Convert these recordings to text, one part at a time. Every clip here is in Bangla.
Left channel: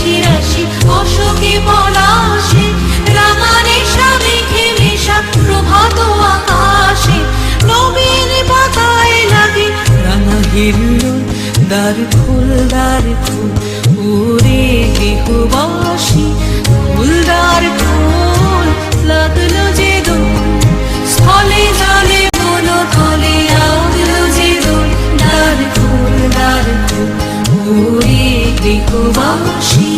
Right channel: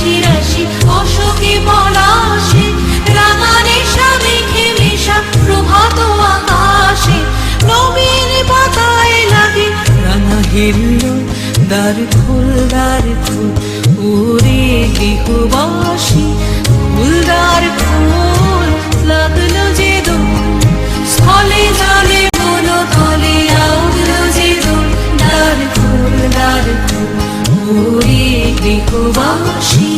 রাশি রাশি অশোকে পলাশে, রাঙা নেশা মেঘে মেশা প্রভাত আকাশে, নবীন পাতায় লাগে রাঙা হিল্লোল। দ্বার খোল ওরে গৃহবাসী, ফুলদার খোল লাগলো যে দোল, স্থলে জলে বলো তলে লাগলো যে দোল। দ্বার খোল ওরে গৃহবাসী।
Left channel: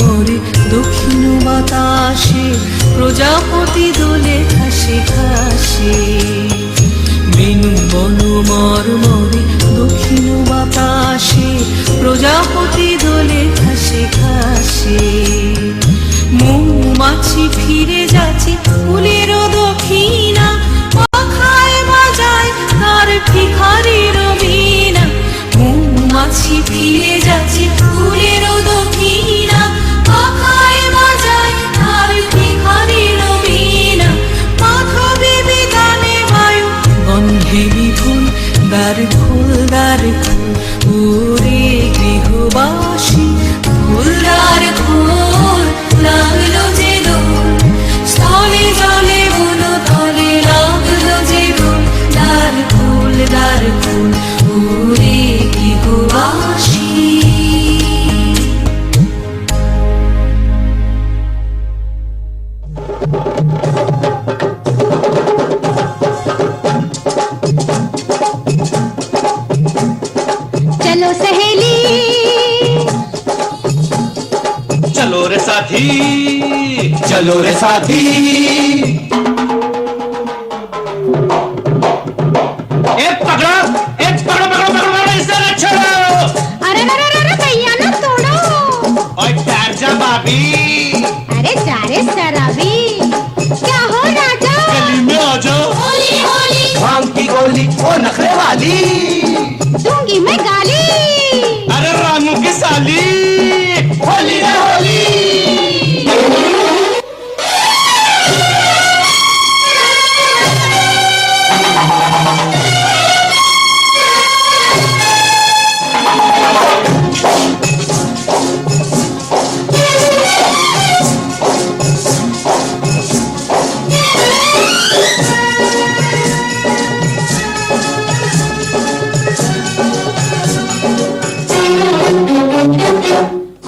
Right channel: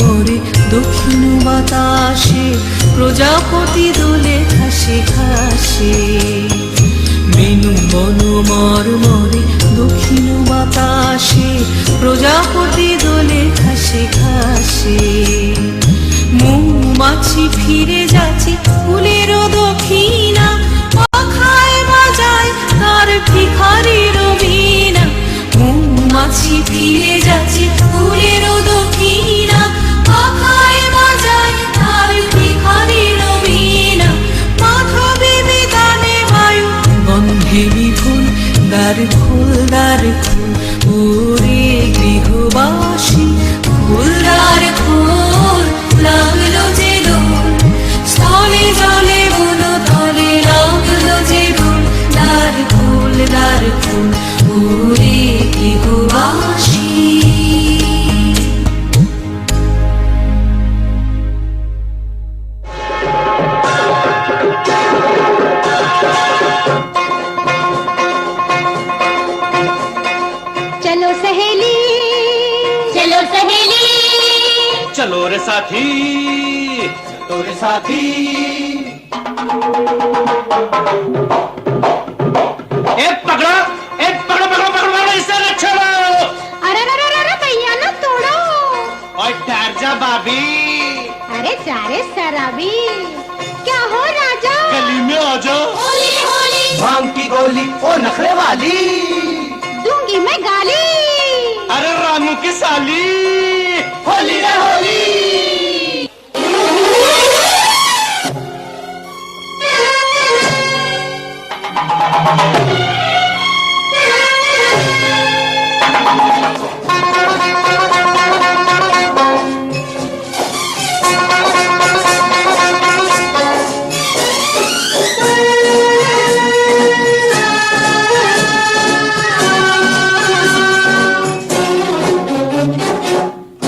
মরে দক্ষিণ বাতাসে, প্রজাপতি দোলে ঘাসে ঘাসে। বেনু বন মরে দক্ষিণ বাতাসে, প্রজাপতি দোলে ঘাসে ঘাসে। মৌমাছি ফিরে যাচ্ছে ফুলের দক্ষিণা, পাখায় বাজায় তার ভিখারির বীণা। মৌমাছি ফিরে যাচ্ছে ফুলের দক্ষিণা, পাখায় বাজায় তার ভিখারির বীণা। মাধবী বিতানে বায়ু গন্ধে বিপুল, দ্বার খোল ওরে গৃহবাসী, ফুলদার খোল লাগলো যে দোল, স্থলে জলে বলো তলে লাগলো যে দোল। দ্বার খোল ওরে গৃহবাসী। चलो सहेली चलो रे साथी, चलो रे साथी। पकड़ो इससे अच्छा। अरे भैया ना तोड़ो। और ठहर जा भाभी। अरे जा रे शराबी, क्या हो राजा? गली में आ जाओ। होली होली भांग की गोली ओ नखरे वाली, दूंगी मैं गाली। अरे रामू की साली, होली रे होली।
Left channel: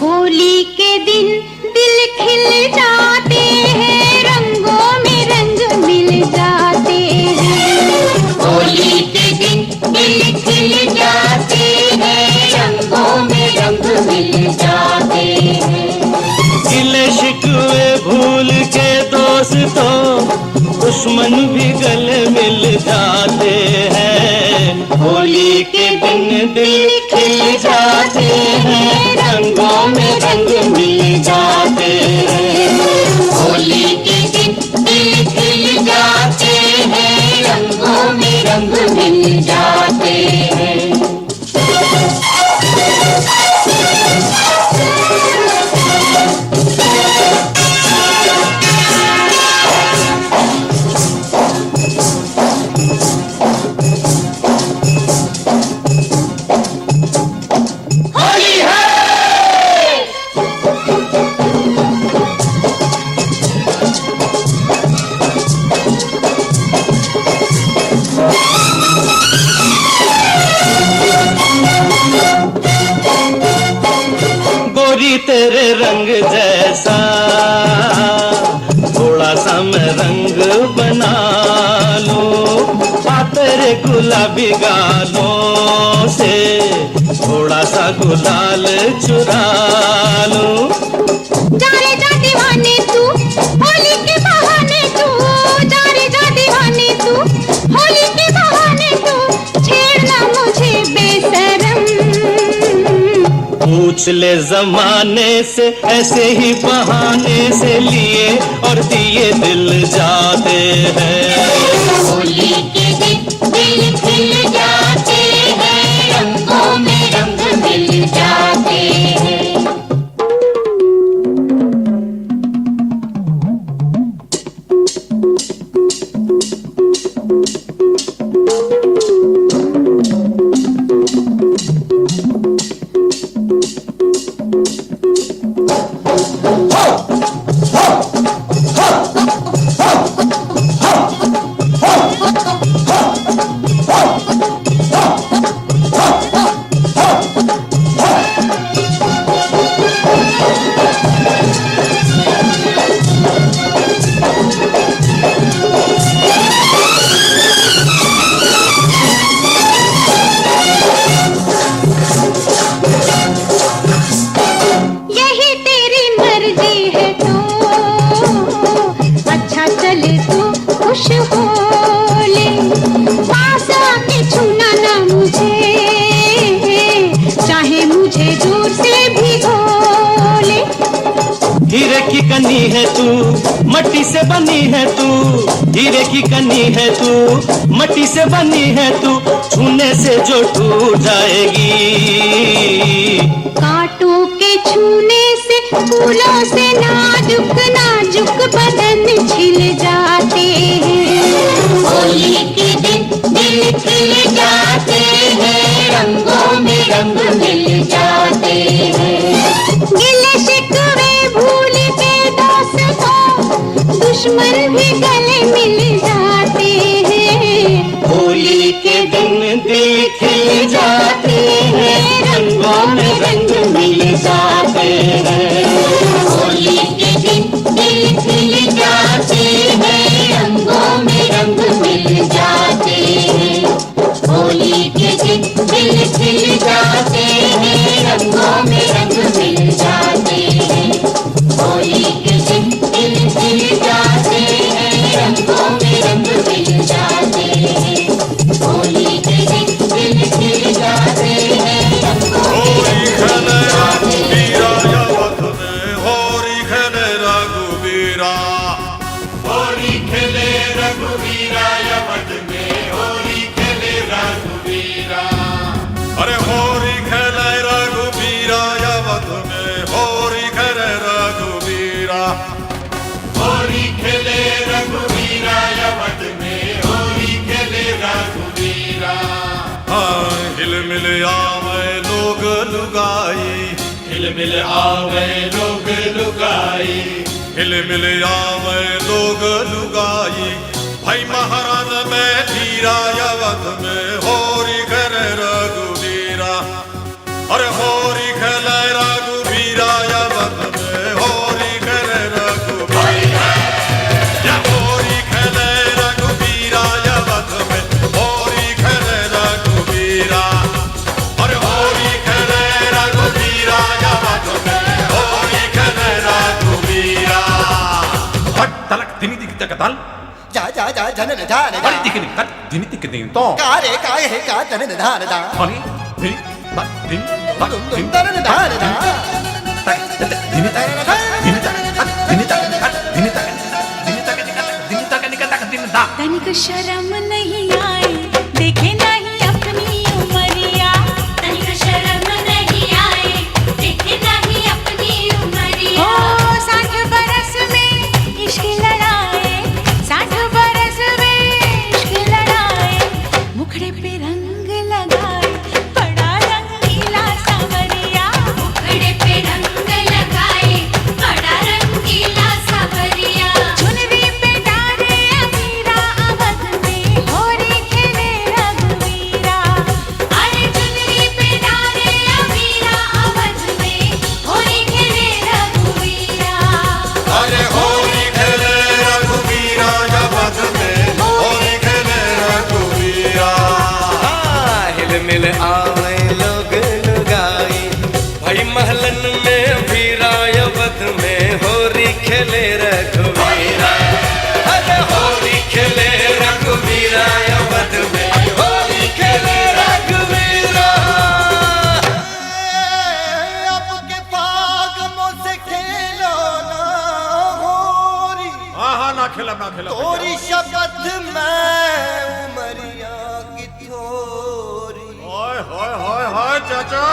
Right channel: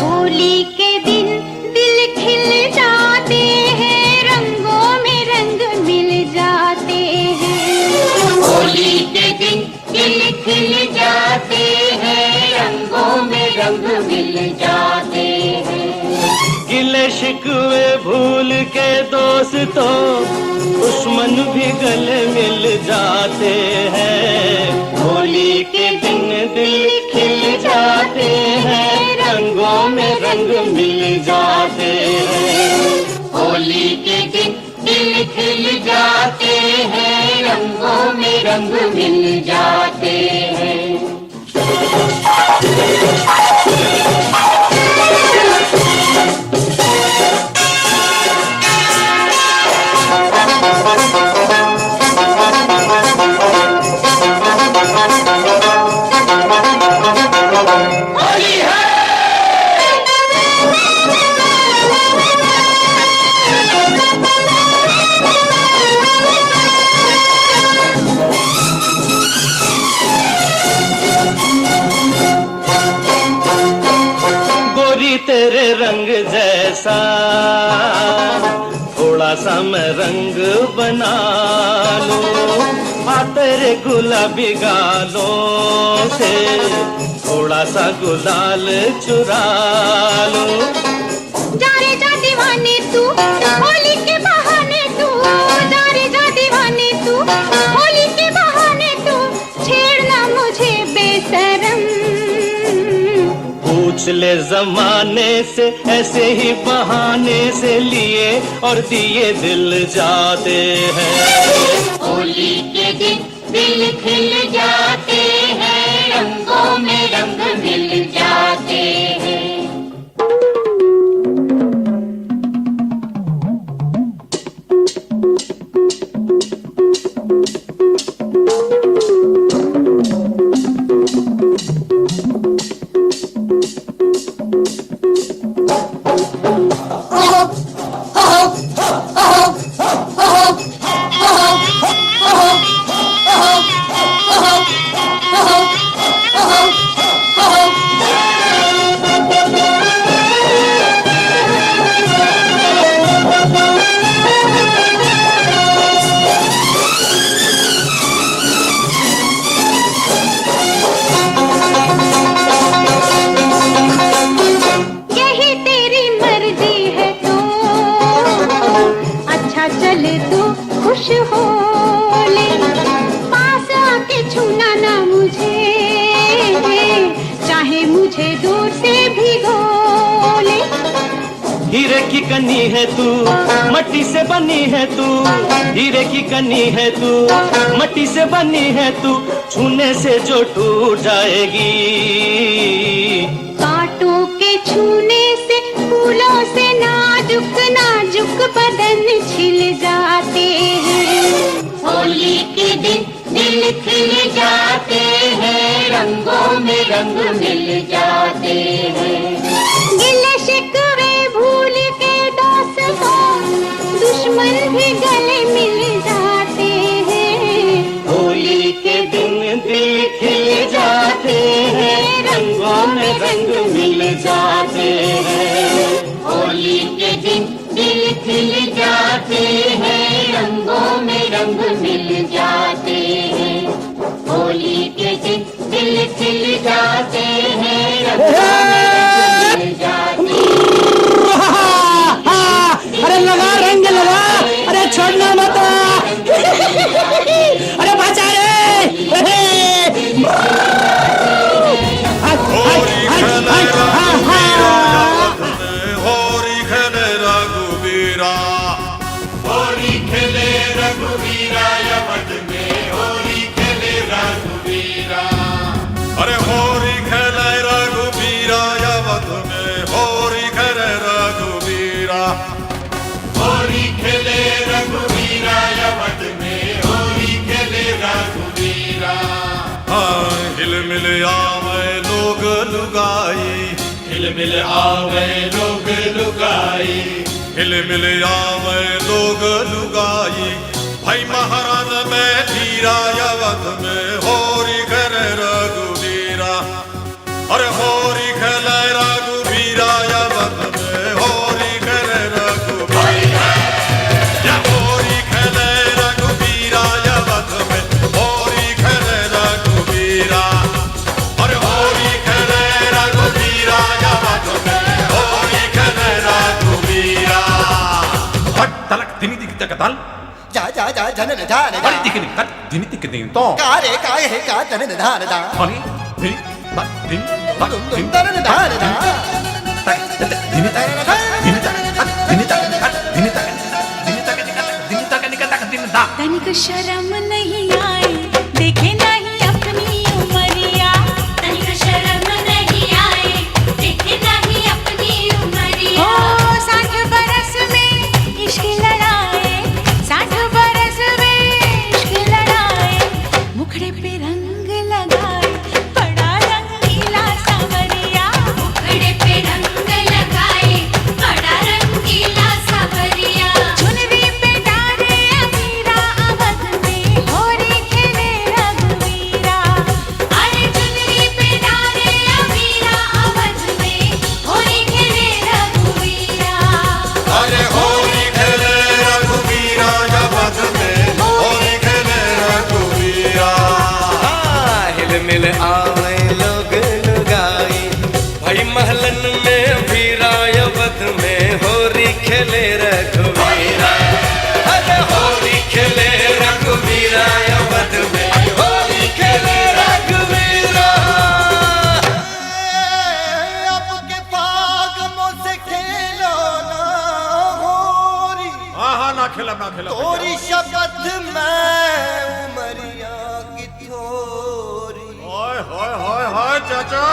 होली के दिन दिल खिल जाते हैं, रंगों में रंग मिल जाते हैं। होली के दिन दिल खिल जाते हैं, रंगों में रंग मिल जाते हैं। गिले शिकवे भूल के दोस्तों, दुश्मन भी गले मिल जाते हैं। होली के दिन दिल खिल जाते हैं, रंगों में रंग मिल जाते हैं। होली के दिन दिल खिल जाते हैं, रंगों में रंग मिल जाते हैं। तेरे रंग जैसा थोड़ा सा मैं रंग बना लूं, आ तेरे गुलाबी गालों से थोड़ा सा गुलाल चुरा लूं। जा रे जा दीवाने तू, होली के बहाने तू, जा रे जा दीवाने तू, होली के बहाने तू, छेड़ना मुझे बेशरम। पूछ ले जमाने से, ऐसे ही बहाने से लिए और दिए दिल जाते हैं। होली के दिन दिल खिल जाते हैं, रंगों में रंग मिल जाते हैं। हो ले, पास आके छूना ना मुझे, चाहे मुझे जोर से भिगो ले। हीरे की कनी है तू, मट्टी से बनी है तू, हीरे की कनी है तू, मट्टी से बनी है तू, छूने से जो टूट जाएगी। कांटों के छूने से, फूलों से नाजुक नाजुक बदन छिल जाते हैं। होली के दिन दिल खिल जाते हैं, रंगों में रंग मिल जाते हैं। गिले शिकवे भूल के दोस्तों, दुश्मन भी गले मिल जाते हैं। होली के दिन दिल खिल जाते हैं, रंगों में रंग मिल जाते हैं। होली के दिन दिल खिल जाते हैं, रंगों में रंग मिल जाते हैं। होली के दिन दिल खिल जाते हैं, रंगों में रंग मिल जाते हैं। होरी खेले रघुवीरा अवध में, होरी खेले रघुवीरा, होली खेले रघुवीरा अवध में, होली खेले रघुवीरा। अरे होरी खेले रघुवीरा अवध में, होरी खेले रघुवीरा, होली खेले रघुवीरा अवध में, होली खेले रघुवीरा। हाँ हिल मिल आवे लोग लुगाई, हिल मिल आवे लोग लुगाई, हिल मिल आवे लोग लुगाई, भाई महाराज में धीरा अवध में, होरी खेले रघुवीरा। अरे होरी खेले रघुवीरा अवध में, होरी खेले रघुवीरा, या होरी खेले रघुवीरा अवध में, होरी खेले रघुवीरा। अरे होरी खेले रघुवीरा अवध में, होरी खेले रघुवीरा। हट तलक दिनी दिख तक तल जा जा जा जन निधान अरे दिख नहीं तक दिनी दिख दिन तो का रे का है का जन निधान दा अरे दिन तक दिन तक दिन जन निधान दा तक दिन तक दिन तक दिन तक दिन तक दिन तक दिन तक निकल तक दिन दा तनिक शर्म नहीं आए, देखे नहीं अपनी उमरिया। तनिक शर्म नहीं आए, देखे नहीं अपनी उमरिया। ओ 60 बरस में इश्क लड़ाए, 60 बरस में इश्क लड़ाए, मुखड़े पे रंग लगाए, बड़ा रंगीला सांवरिया। मुखड़े पे रंग लगाए, बड़ा रंगीला सांवरिया। चुनरी पे डाले अबीरा अवध में, होरी खेले रघुवीरा। अरे चुनरी पे डाले अबीरा अवध में, होरी खेले रघुवीरा। अरे होरी खेले रघुवीरा अवध में, होरी खेले रघुवीरा। हिल मिल आवे लोग लुगाई, भाई महलन में भीरा अवध में, होरी खेले रघुवीरा। अरे होली खेले रघुवीरा अवध में, होली खेले रघुवीरा। अब के पाग मुझसे खेलो ना होरी, हाँ हाँ ना खिला ना खिला तोरी शपथ में उमरिया की थोरी। हाय हाय हाय हाय चाचा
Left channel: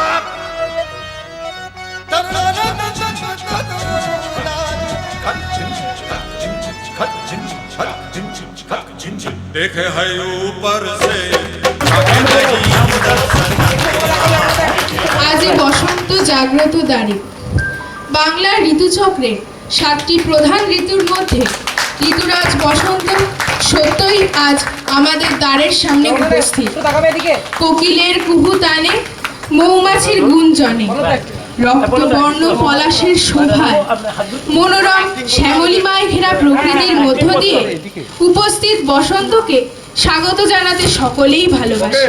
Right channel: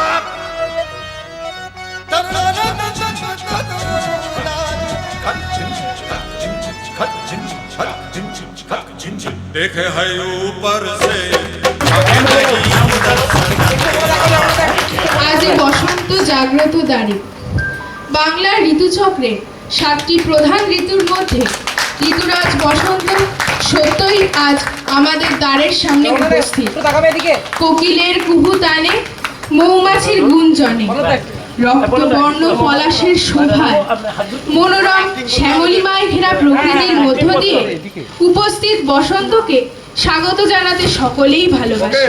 देखे है ऊपर से झांके नहीं अंदर আজ এই বসন্ত জাগ্রত দ্বারে বাংলার ঋতুচক্রে 7টি প্রধান ঋতুর মধ্যে ঋতুরাজ বসন্ত সত্যই আজ আমাদের দ্বারের সামনে উপস্থিত। কোকিলের কুহুতানে, মৌমাছির গুঞ্জনে, রক্তবর্ণ পলাশের শোভায়, মনোরম শ্যামলিমায় ঘেরা প্রকৃতির মধ্য দিয়ে উপস্থিত বসন্তকে স্বাগত জানাতে সকলেই ভালোবাসে।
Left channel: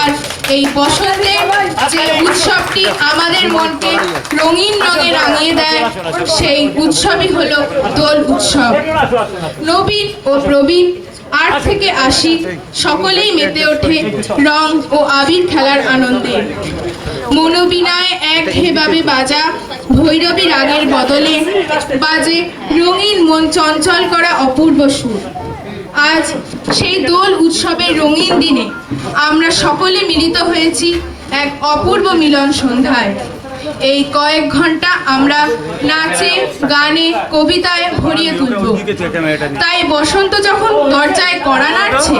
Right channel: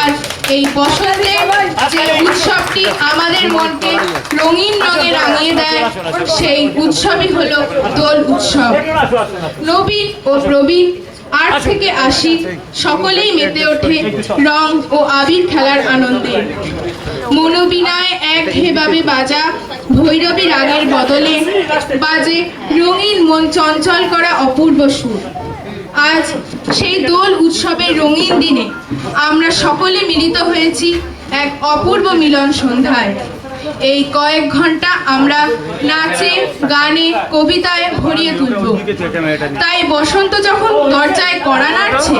আর এই বসন্তের যে উৎসবটি আমাদের মনকে রঙিন রঙে রাঙিয়ে দেয়, সেই উৎসবই হলো দোল উৎসব। নবীন ও প্রবীণ 8 থেকে 80 সকলেই মেতে ওঠে রং ও আবির খেলার আনন্দে। মনোবিনায় একঘেয়েভাবে বাজা ভৈরবী রাগের বদলে বাজে রঙিন মন চঞ্চল করা অপূর্ব সুর। আজ সেই দোল উৎসবের রঙিন দিনে আমরা সকলে মিলিত হয়েছি এক অপূর্ব মিলন সন্ধ্যায়। এই কয়েক ঘন্টা আমরা নাচে গানে কবিতায় ভরিয়ে তুলব। তাই বসন্ত যখন দরজায় কড়া নাড়ছে,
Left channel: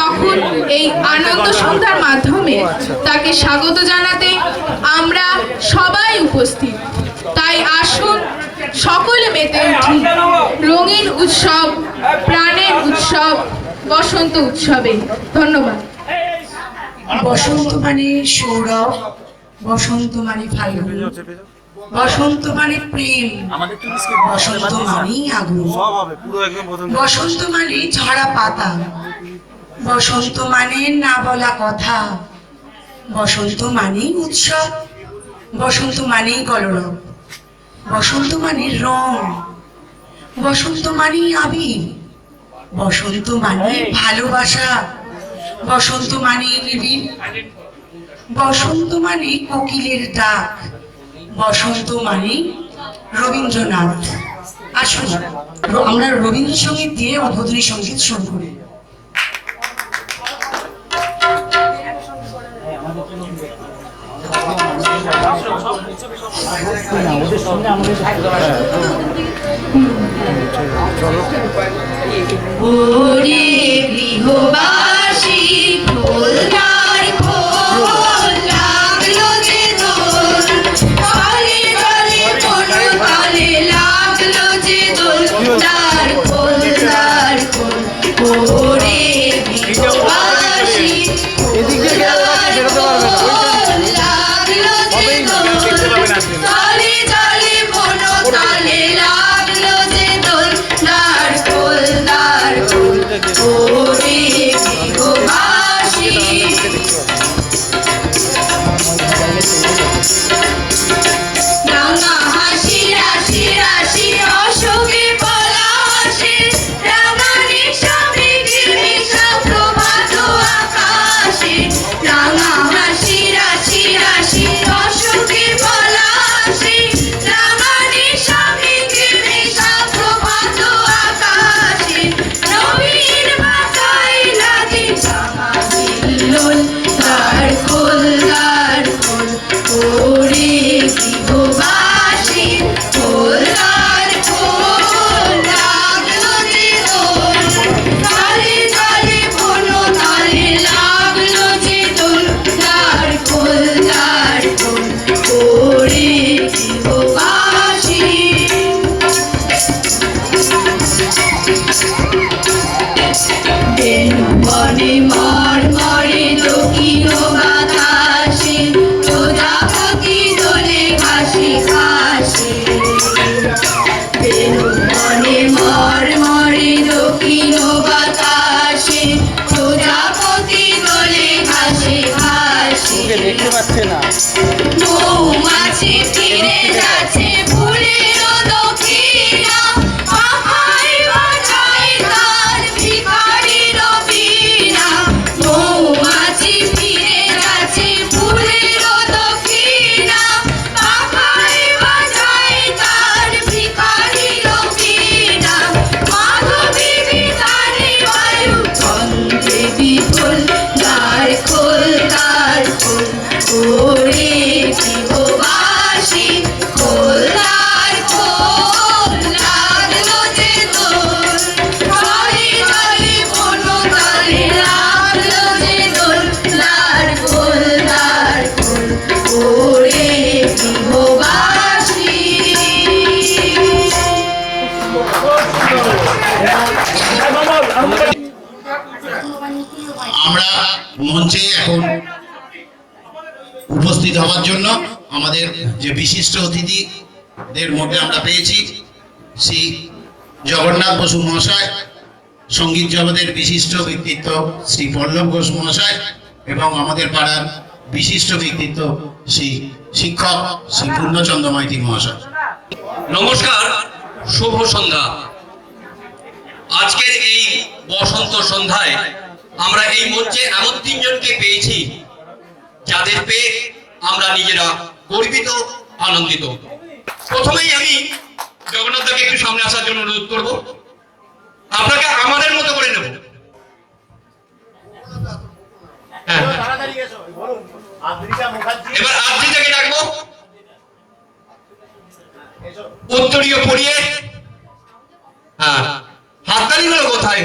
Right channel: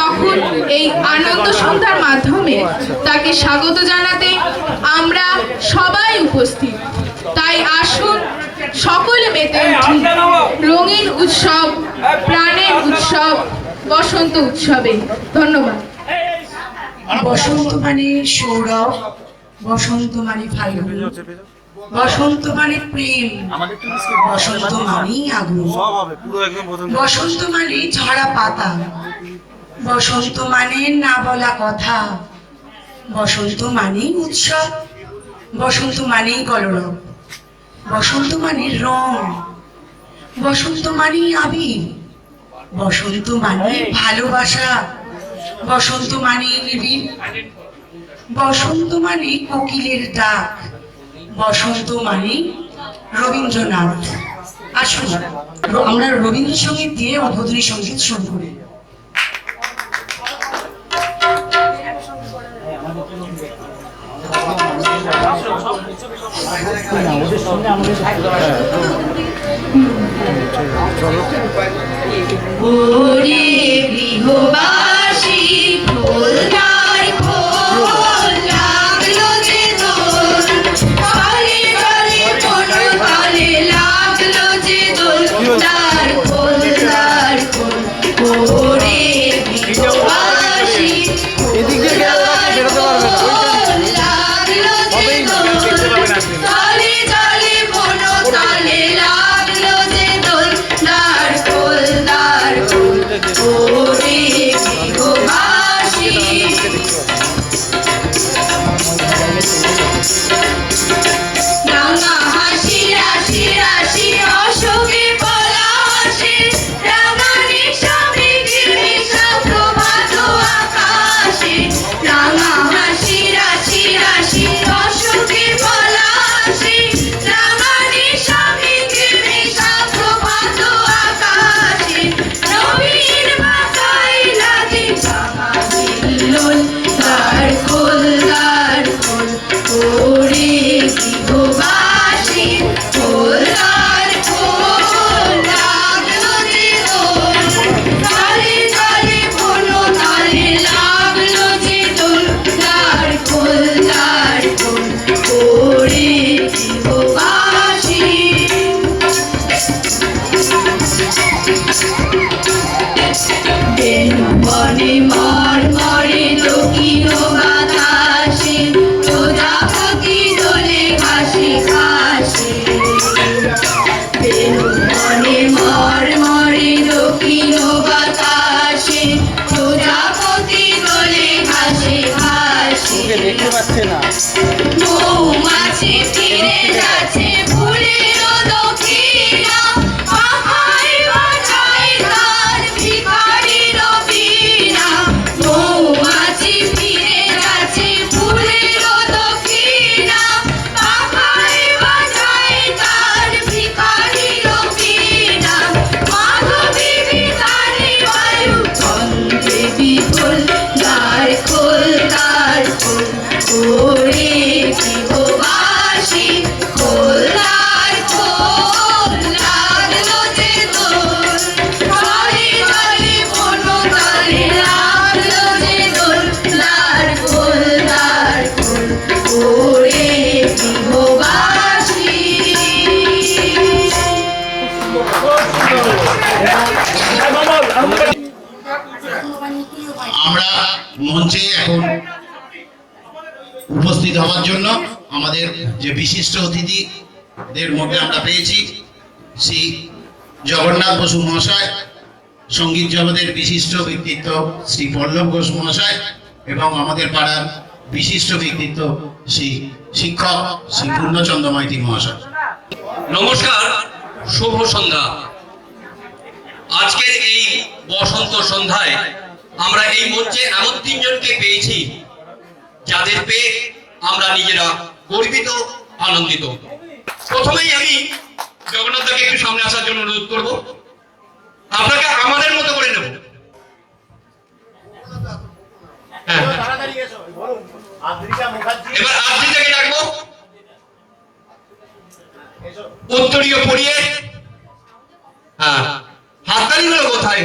তখন এই আনন্দ সন্ধ্যার মাধ্যমে তাকে স্বাগত জানাতে আমরা সবাই উপস্থিত। তাই আসুন সকলে মেতে উঠি রঙিন উৎসব, প্রাণের উৎসব, বসন্ত উৎসবে। ধন্যবাদ। বসন্ত মানে সৌরভ, বসন্ত মানে ফাল্গুন, বসন্ত মানে প্রেম, বসন্ত মানেই আগুন, বসন্ত মানে ঝরা পাতা, বসন্ত মানে না বলা কথা, বসন্ত মানেই উৎসব, বসন্ত মানেই কলরব, বসন্ত মানে রং, বসন্ত মানেই আবির, বসন্ত মানে ভালোবাসা, বসন্ত মানে নিবিড়, বসন্ত মানে কোকিলের ডাক, বসন্ত মানে রবীন্দ্রনাথ। আসুন আমরা রবীন্দ্রসঙ্গীত দিয়ে উদ্বোধনী সঙ্গীত শুরু করি। ওরে গৃহবাসী খোলদার খোল, লাগলো যে দোল, তালে তালে কোনো তালে লাগলো যে দোল, দ্বার খোল দ্বার খোল। ওরে গৃহবাসী খোলদার খোল, লাগলো যে দোল, তালে তালে কোনো তালে লাগলো যে দোল, দ্বার খোল দ্বার খোল। ওরে গৃহবাসী রাঙা হাসি রাশি রাশি অশোকে পলাশে, রাঙা নিশা মেঘে মিশা প্রভাত আকাশে, রাঙা হাসি রাশি রাশি অশোকে পলাশে, রাঙা নিশা মেঘে মিশা প্রভাত আকাশে, নবীন মাথায় লাগে জামা হিল্লোল, দ্বার খোল দ্বার খোল। ওরে গৃহবাসী খোল দ্বার খোল, লাগলো যে দোল, তালে তালে কোনো তালে লাগলো যে দোল, দ্বার খোল দ্বার খোল। ওরে গৃহবাসী বেনু বনে মরমরে দক্ষিণ বাতাসে, প্রজাপতি দোলে ঘাসে ঘাসে, বেনু বনে মরমরে দক্ষিণ বাতাসে, প্রজাপতি দোলে ঘাসে ঘাসে। মৌমাছি ফিরে যাচ্ছে ফুলের দক্ষিণা, পাখায় বাজায় তার ভিখারির বীণা। মৌমাছি ফিরে যাচ্ছে ফুলের দক্ষিণা, পাখায় বাজায় তার ভিখারির বীণা। মাধবী বিতানে বায়ু ছন্দে বিপুল, দ্বার খোল দ্বার খোল। ওরে গৃহবাসী খোল দ্বার খোল, লাগলো যে দোল, তালে তালে কোনো তালে লাগলো যে দোল, দ্বার খোল দ্বার খোল। ওরে গৃহবাসী আমরা মঞ্চে এখন উপস্থিত হওয়ার জন্য আমাদের যে বিশিষ্ট অতিথিদের মধ্যে আমরা পেয়েছি শ্রী জগন্নাথ বসু মহাশয়, সঙ্গীত জগতের বিশিষ্ট ব্যক্তিত্ব শ্রী পল্লব ঘোষ মহাশয় এবং আমাদের পাড়ার বিশিষ্ট ব্যক্তিত্ব শ্রী শিক্ষক শ্রী পূর্ণচন্দ্র মাইতি মহাশয়। নমস্কার, শুভ সন্ধ্যা। আজকের এই বসন্ত সন্ধ্যায় আমরা এই মঞ্চে এমন তিনজনকে পেয়েছি যাদের পেয়ে আমরা নিজেরা গর্বিত, আনন্দিত। প্রথমেই আমি জগন্নাথ দাকে একটু সামনে আসার জন্য অনুরোধ করব। আপনাকে আমাদের মতো করে নেব। হ্যাঁ, এবার আদ্রিতাকে ডাকবো, উত্তরীয় পড়িয়ে। হ্যাঁ, হাততালি গুলো কোথায়?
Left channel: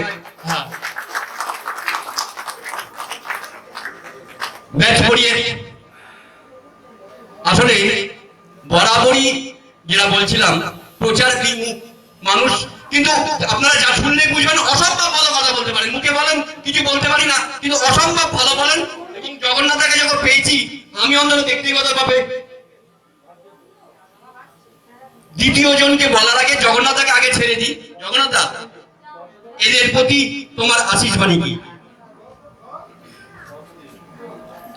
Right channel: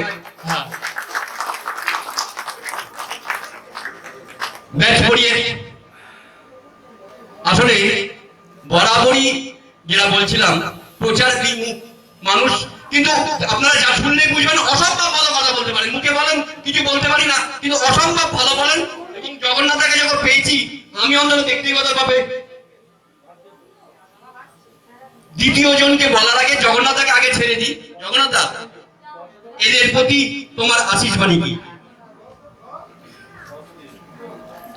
ব্যাচ পড়িয়ে। আসলে বরাবরই যেটা বলছিলাম, প্রচার বিমুখ মানুষ, কিন্তু আপনারা যা শুনলে বুঝবেন অসম্ভব ভালো কথা বলতে পারেন। মুখে বলেন কিছু বলতে পারি না, কিন্তু অসম্ভব ভালো বলেন। এবং জগন্নাথকে যখন পেয়েছি আমি অন্তত ব্যক্তিগতভাবে দ্বিতীয় জনকে বলার আগে জগন্নাথকে আগে ছেড়ে দিই। জগন্নাথ দা, এদের প্রতি তোমার আশীষ বাণী কি?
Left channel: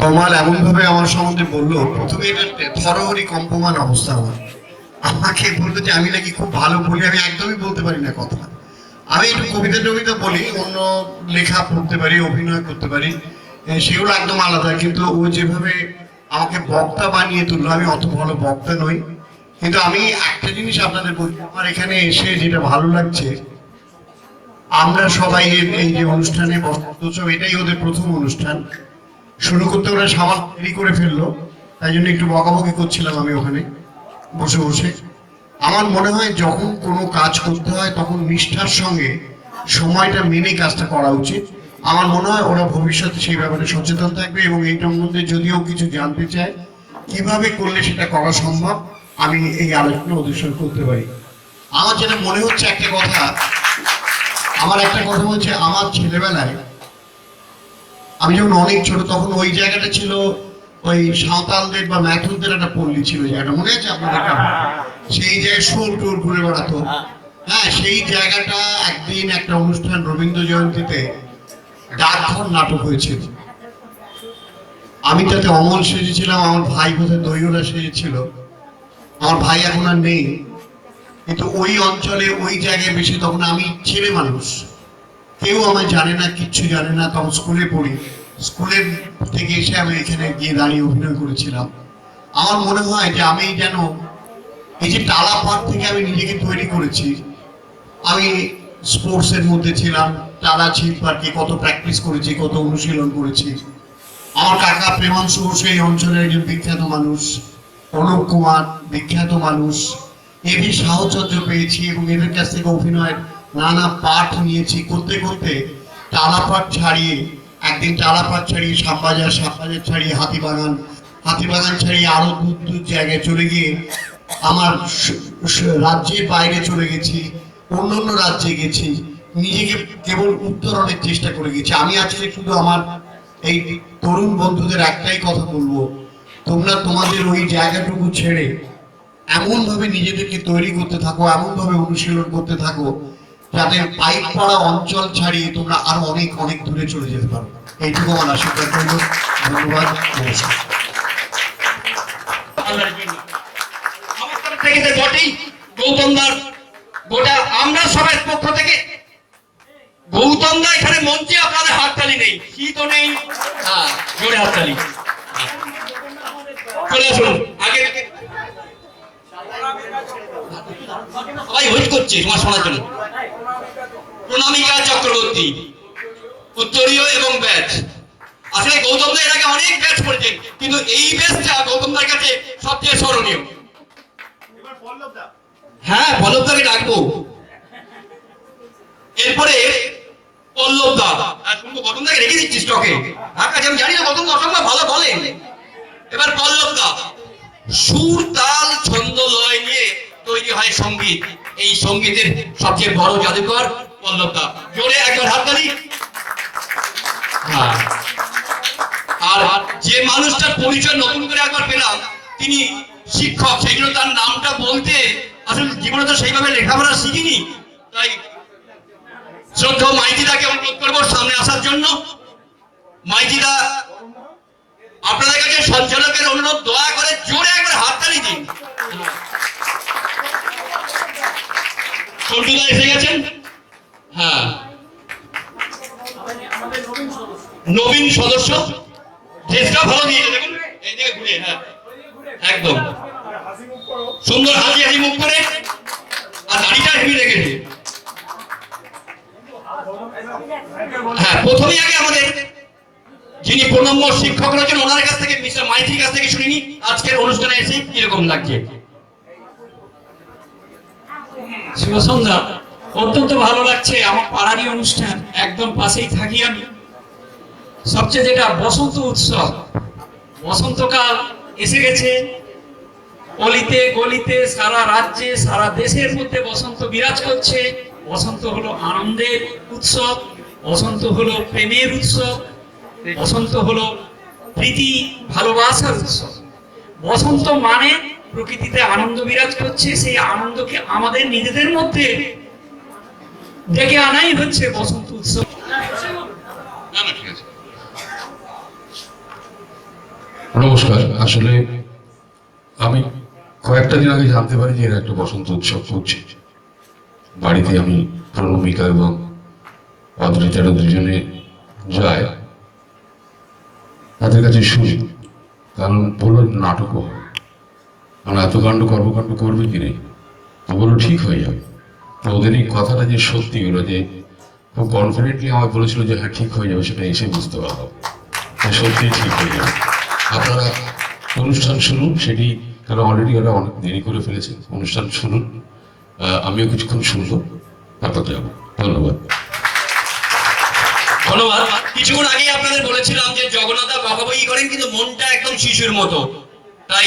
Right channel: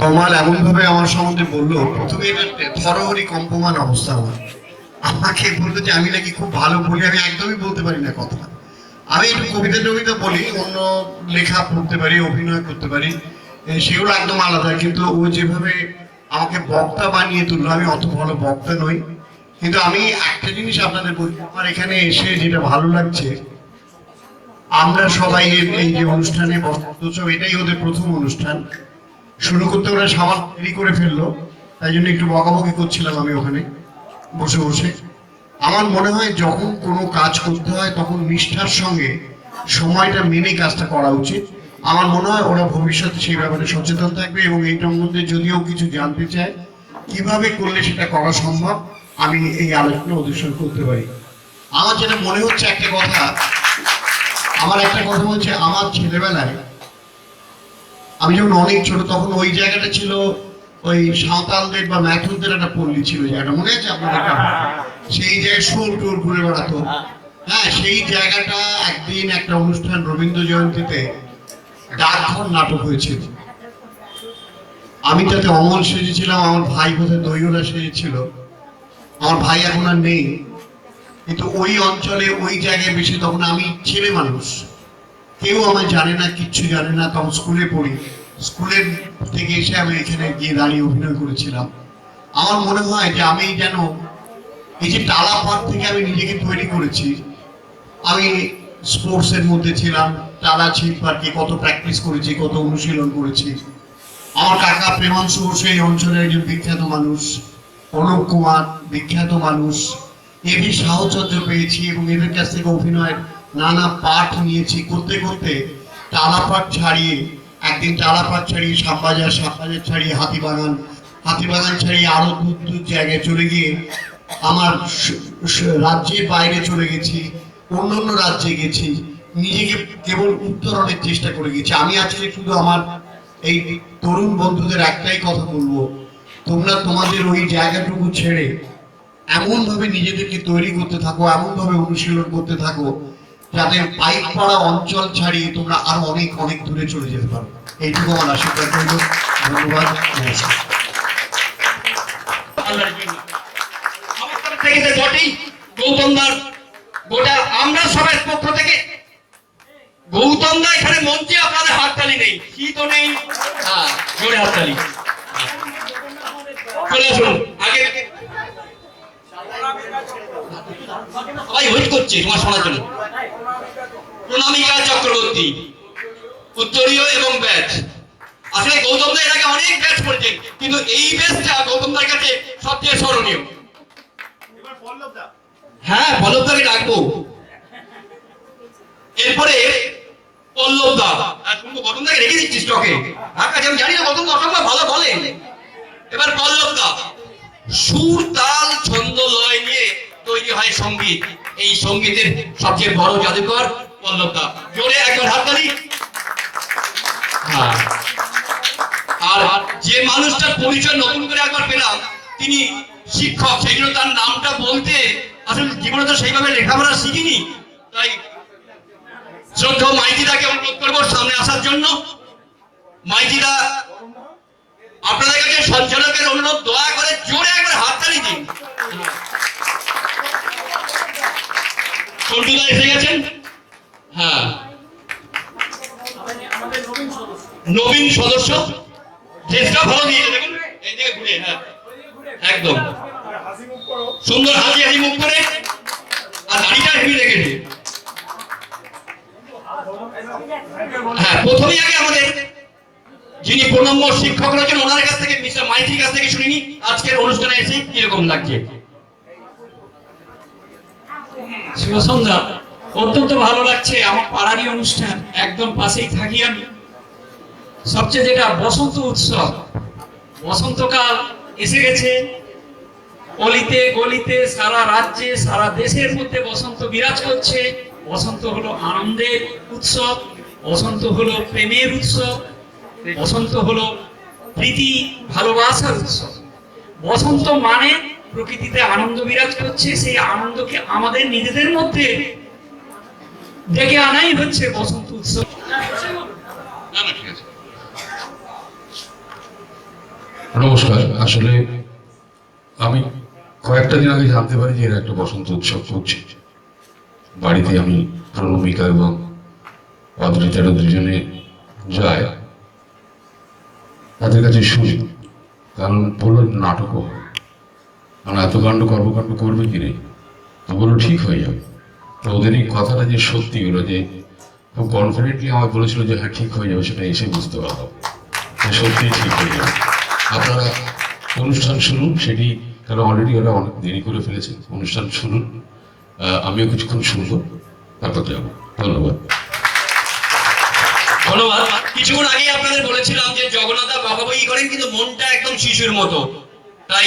তমাল এমন ভাবে আমার সম্বন্ধে বললো, প্রথমে এটা থরহরি কম্পমান অবস্থা। আমাকে বলতো যে আমি নাকি খুব ভালো বলি। আমি একদমই বলতে পারি না কথা। আমি একটু কবিতা টবিতা বলি, অন্য লেখা পড়তে পারি, অভিনয় করতে পারি, সেগুলো একদম আলাদা। কিন্তু ও যেভাবে আমাকে বক্তা বানিয়ে তুললো, আমি অত ভালো বক্তা নই। কিন্তু আমি একটা জিনিস আপনাদের বলি, আমার এখানে এসে যেটা ভালো লাগছে, আমরা সবাই এই যে অনুষ্ঠানে বসন্ত উৎসব, এটাই ওদের প্রথম অনুষ্ঠান। শুরু করতে ওরা সামাল দেরি করে ফেললো, তাই জন্য একটু বকাবকি করছিলাম আমি ওখানে বসে বসে। আমার মনে হয় যখন কোনো কাজ করতে হয় তখন নিষ্ঠার সঙ্গে সময়টা মেনে কাজটা করা উচিত। আমার মনে হয় ওরা ভবিষ্যতে সেই ব্যাপারে সচেতন থাকবে এবং এইটার মধ্যে যদিও কিছু জানতে চায় কিভাবে করলে সেটা করা সম্ভব, আমি এই আলোচনা ওদের সঙ্গে করতে পারি। আমার যেটা মনে হচ্ছে একটা কথা হচ্ছে, আমার ছেলেবেলায় আমি যখন অনেক ছোট, তখন ওই জায়গাটা ছিল ওই সাঁওতালদের বা ম্যাথুরদের একটা পল্লী ছিল, জায়গাটা মনে আছে আপনাদের? সেই জায়গায় শোল টোল ঘুরে বেড়াতো। হ্যাঁ, সেই জায়গাটা একদিন একটা অনুষ্ঠান রবীন্দ্র জয়ন্তীতে ডাকঘর নাটক হয়েছিল। আমি তাতে অমল সেজেছিলাম, আমার ভাই বোধহয় দৈওলা সেজেছিল। আমার ভাই এখন আর নেই, কিন্তু ওই অঞ্চলে ওই জায়গায় বেশি, তখন আমি ছেলে মানুষ, কেউ আমায় জানে না, কিচ্ছু জানে না। তখন স্কুলে পড়ি, স্কুলের থেকে এসে আমি এখানে গিয়ে দাঁড়িয়ে অভিনয় করেছিলাম। আমার মনে হয় যে আমি যেন এই যে টালা পাট থেকে আমি নিজেকে তৈরি করেছি। আমি স্পোর্টসের মধ্যে ছিলাম, টালা ছিপ পার্কে কত প্র্যাকটিস করেছি, কত অনুশীলন করেছি। আমার কাকা প্রেমাংশু বসু এই অঞ্চলের একজন বিখ্যাত মানুষ, অনুপ কুমার বিখ্যাত মানুষ, এদের সাহচর্য পেয়েছি এবং এদের কাছ থেকে অভিনয়ের নানা পাঠ নিয়েছি। করতে করতে টালাপাট ছাড়িয়ে, একদিন টালাপাট ছাড়িয়ে শ্যামবাজার, শ্যামবাজার ছাড়িয়ে হাতিবাগান, হাতিবাগান ছাড়িয়ে আরো দূর দূর জায়গায় চলে গিয়ে আমার রাজ্যের বাইরে চলে গেছি, অন্য রাজ্যে গেছি, নিজেকে কেবল উত্তরণের চেষ্টা করে গেছি। আমি আজকে শুধু আমার এই তরুণ বন্ধুদের একটাই কথা বলবো, তোমরা তোমাদের ওই জায়গাটুকু ছেড়ে এমন ভাবে নিজেদেরকে তৈরি করতে থাকো, এমন ভাবে অনুশীলন করতে থাকো, যাতে পাইপ পাড়া অঞ্চল ছাড়িয়ে তোমরা আরো অনেক অনেক দূরে চলে যেতে পারো। এইটুকু আমার আশীর্বাদ করবো। ধন্যবাদ, নমস্কার। বটেই গৌতম দার গোটা আমরা সবার পক্ষ থেকে গৌতম দা এখানে মঞ্চে আপনাদের হাততালি নেই, শীতও নেই, হ্যাঁ জোরে হাততালি। চলে আসুন আগে, সবাই ওয়েট করছে তোমার শোনার জন্য। প্রণামিকা চক্রবর্তী, উত্তরীয় এবং ব্যাচ। আসলে গৌতম দা এর আগে অনেক ব্যাচ করেছেন, কিন্তু এই ব্যাচটা গৌতম দার কাছে সবচেয়ে স্মরণীয়। হ্যাঁ, পল্লব দাকে ডাকবো। এরপরে পল্লব দা, তুমি তো গৌতম দাকে রেখে দিচ্ছিস স্টকে। আমি জানি না গৌতম দা অসম্ভব ভালো বলেন। এবার পল্লব দা, সুর তাল ছন্দ লয় নিয়ে তৈরি হয় সঙ্গীত। এই সঙ্গীতের সবচেয়ে বড় জাদুকর পল্লব দা। জোরে একবার হাততালি। হ্যাঁ, আর যে মানুষটার পরিচয় নতুন করে একবার পেলাম, তিনি শিক্ষক, সেই জন্য তার নামটা বলতে আসলে জীবনে তো সেইভাবে লেখাপড়া শিখিনি। তাই শ্রদ্ধা মাইতিদাকে অনুরোধ করবো সামনে আসার জন্য। মাইতিদা আপনাদের কাছে সঞ্চালকের অনুরোধ, দয়া করে জোরে একবার হাততালি দিন। সন্টুদা এসে গেছেন। হ্যাঁ, নবীন সদস্য, ড্রেসটা ভালো দিয়েছে, দেখুন এইদিকে ঘুরে। হ্যাঁ, একদম সুন্দর হাসি হাসি মুখ করে, আর দাড়িটা হেভি রেখেছে। হ্যাঁ, প্রথমেই আগে আমাদের যিনি প্রণম্য শিক্ষক রয়েছেন ওনার কাছ থেকে, মিস্টার মাইতির কাছ থেকে শুনিনি আজকের অনুষ্ঠানে এসে কিরকম লাগছে। শুভ সন্ধ্যা। অত্যন্ত ভালো লাগছে, আমার পাড়ারই অনুষ্ঠান, একদম পাশেই থাকি আমি। সবচেয়ে যেটা বসন্ত উৎসব, বসন্তকাল এসে গেছে। অলিতে গলিতে সারা রাজ্যে সারা দেশের মধ্যে বসন্ত বিরাজ করছে। বসন্ত হলো আনন্দের উৎসব, বসন্ত হলো প্রেমের উৎসব, বসন্ত হলো প্রীতি ভালোবাসার উৎসব। বসন্ত মানে প্রকৃতিতে আনন্দ বিরাজ করছে, সেই আনন্দকে আমাদের নিজেদের মধ্যে ডেকে আনাই হচ্ছে বসন্ত উৎসব। নমস্কার। আসলে আমি কয়েকটা দিন আগে জানতে পারি যে এরা একটা বসন্ত উৎসব করছে। বাড়িতে আমি প্রণমিকা এবং অদ্রিতারা দুজনে যায়, তাদের কাছে শুনি, কারণ বললো নাটকও হয়, মানে এত কাণ্ড কর্মকাণ্ড করবে কি নেই, তো বললো ঠিক হয়ে যাবে। তো ওদের এই কথাটা যে সত্যি হলো, যে খুব কনফিডেন্টলি আমায় বলেছিল যে হ্যাঁ ঠিক হয়ে যাবে, সেটা এসে বুঝতে পারবো সত্যিই ঠিক হয়ে যাবে। আপনারা অনুষ্ঠান শুনুন, সেটি কারণ অলরেডি ওরা অনেক দেরি করে ফেলেছে, অনুষ্ঠান শুনুন, আমিও কিছুক্ষণ শুনবো, তারপর যাবো। ধন্যবাদ। ধন্যবাদ। কিছুক্ষণ আগে আপনাদের বলেছিলাম যে জগন্নাথ বাবা বই করেন, কিন্তু মনটা একদম শিশুর মতো। তাই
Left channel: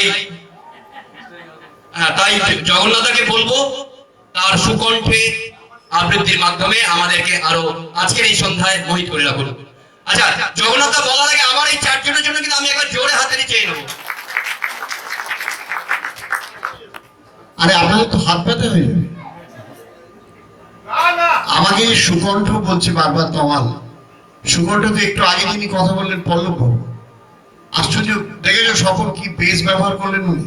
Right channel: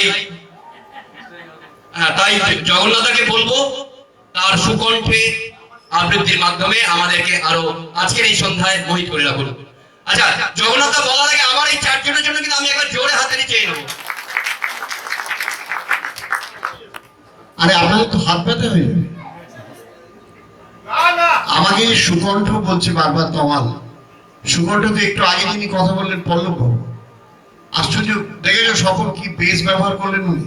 জগন্নাথকে বলবো তার সুকণ্ঠে আবৃত্তির মাধ্যমে আমাদেরকে আরো আজকের এই সন্ধ্যায় মোহিত করে রাখুন। আচ্ছা, জগন্নাথ বলার আগে আমার এই চারজনের জন্য কিন্তু আমি একবার জোরে হাতে চেয়ে নেবো। আরে আপনাদের তো হাত ব্যথা হয়ে যাবে। আমাকে সুকণ্ঠ বলছে বারবার তমাল। সুকণ্ঠ তো একটু আগে যিনি কথা বললেন পল্লব বাবু, আশ্চর্য দেখেছো সফল কি বেস ব্যবহার করলেন উনি।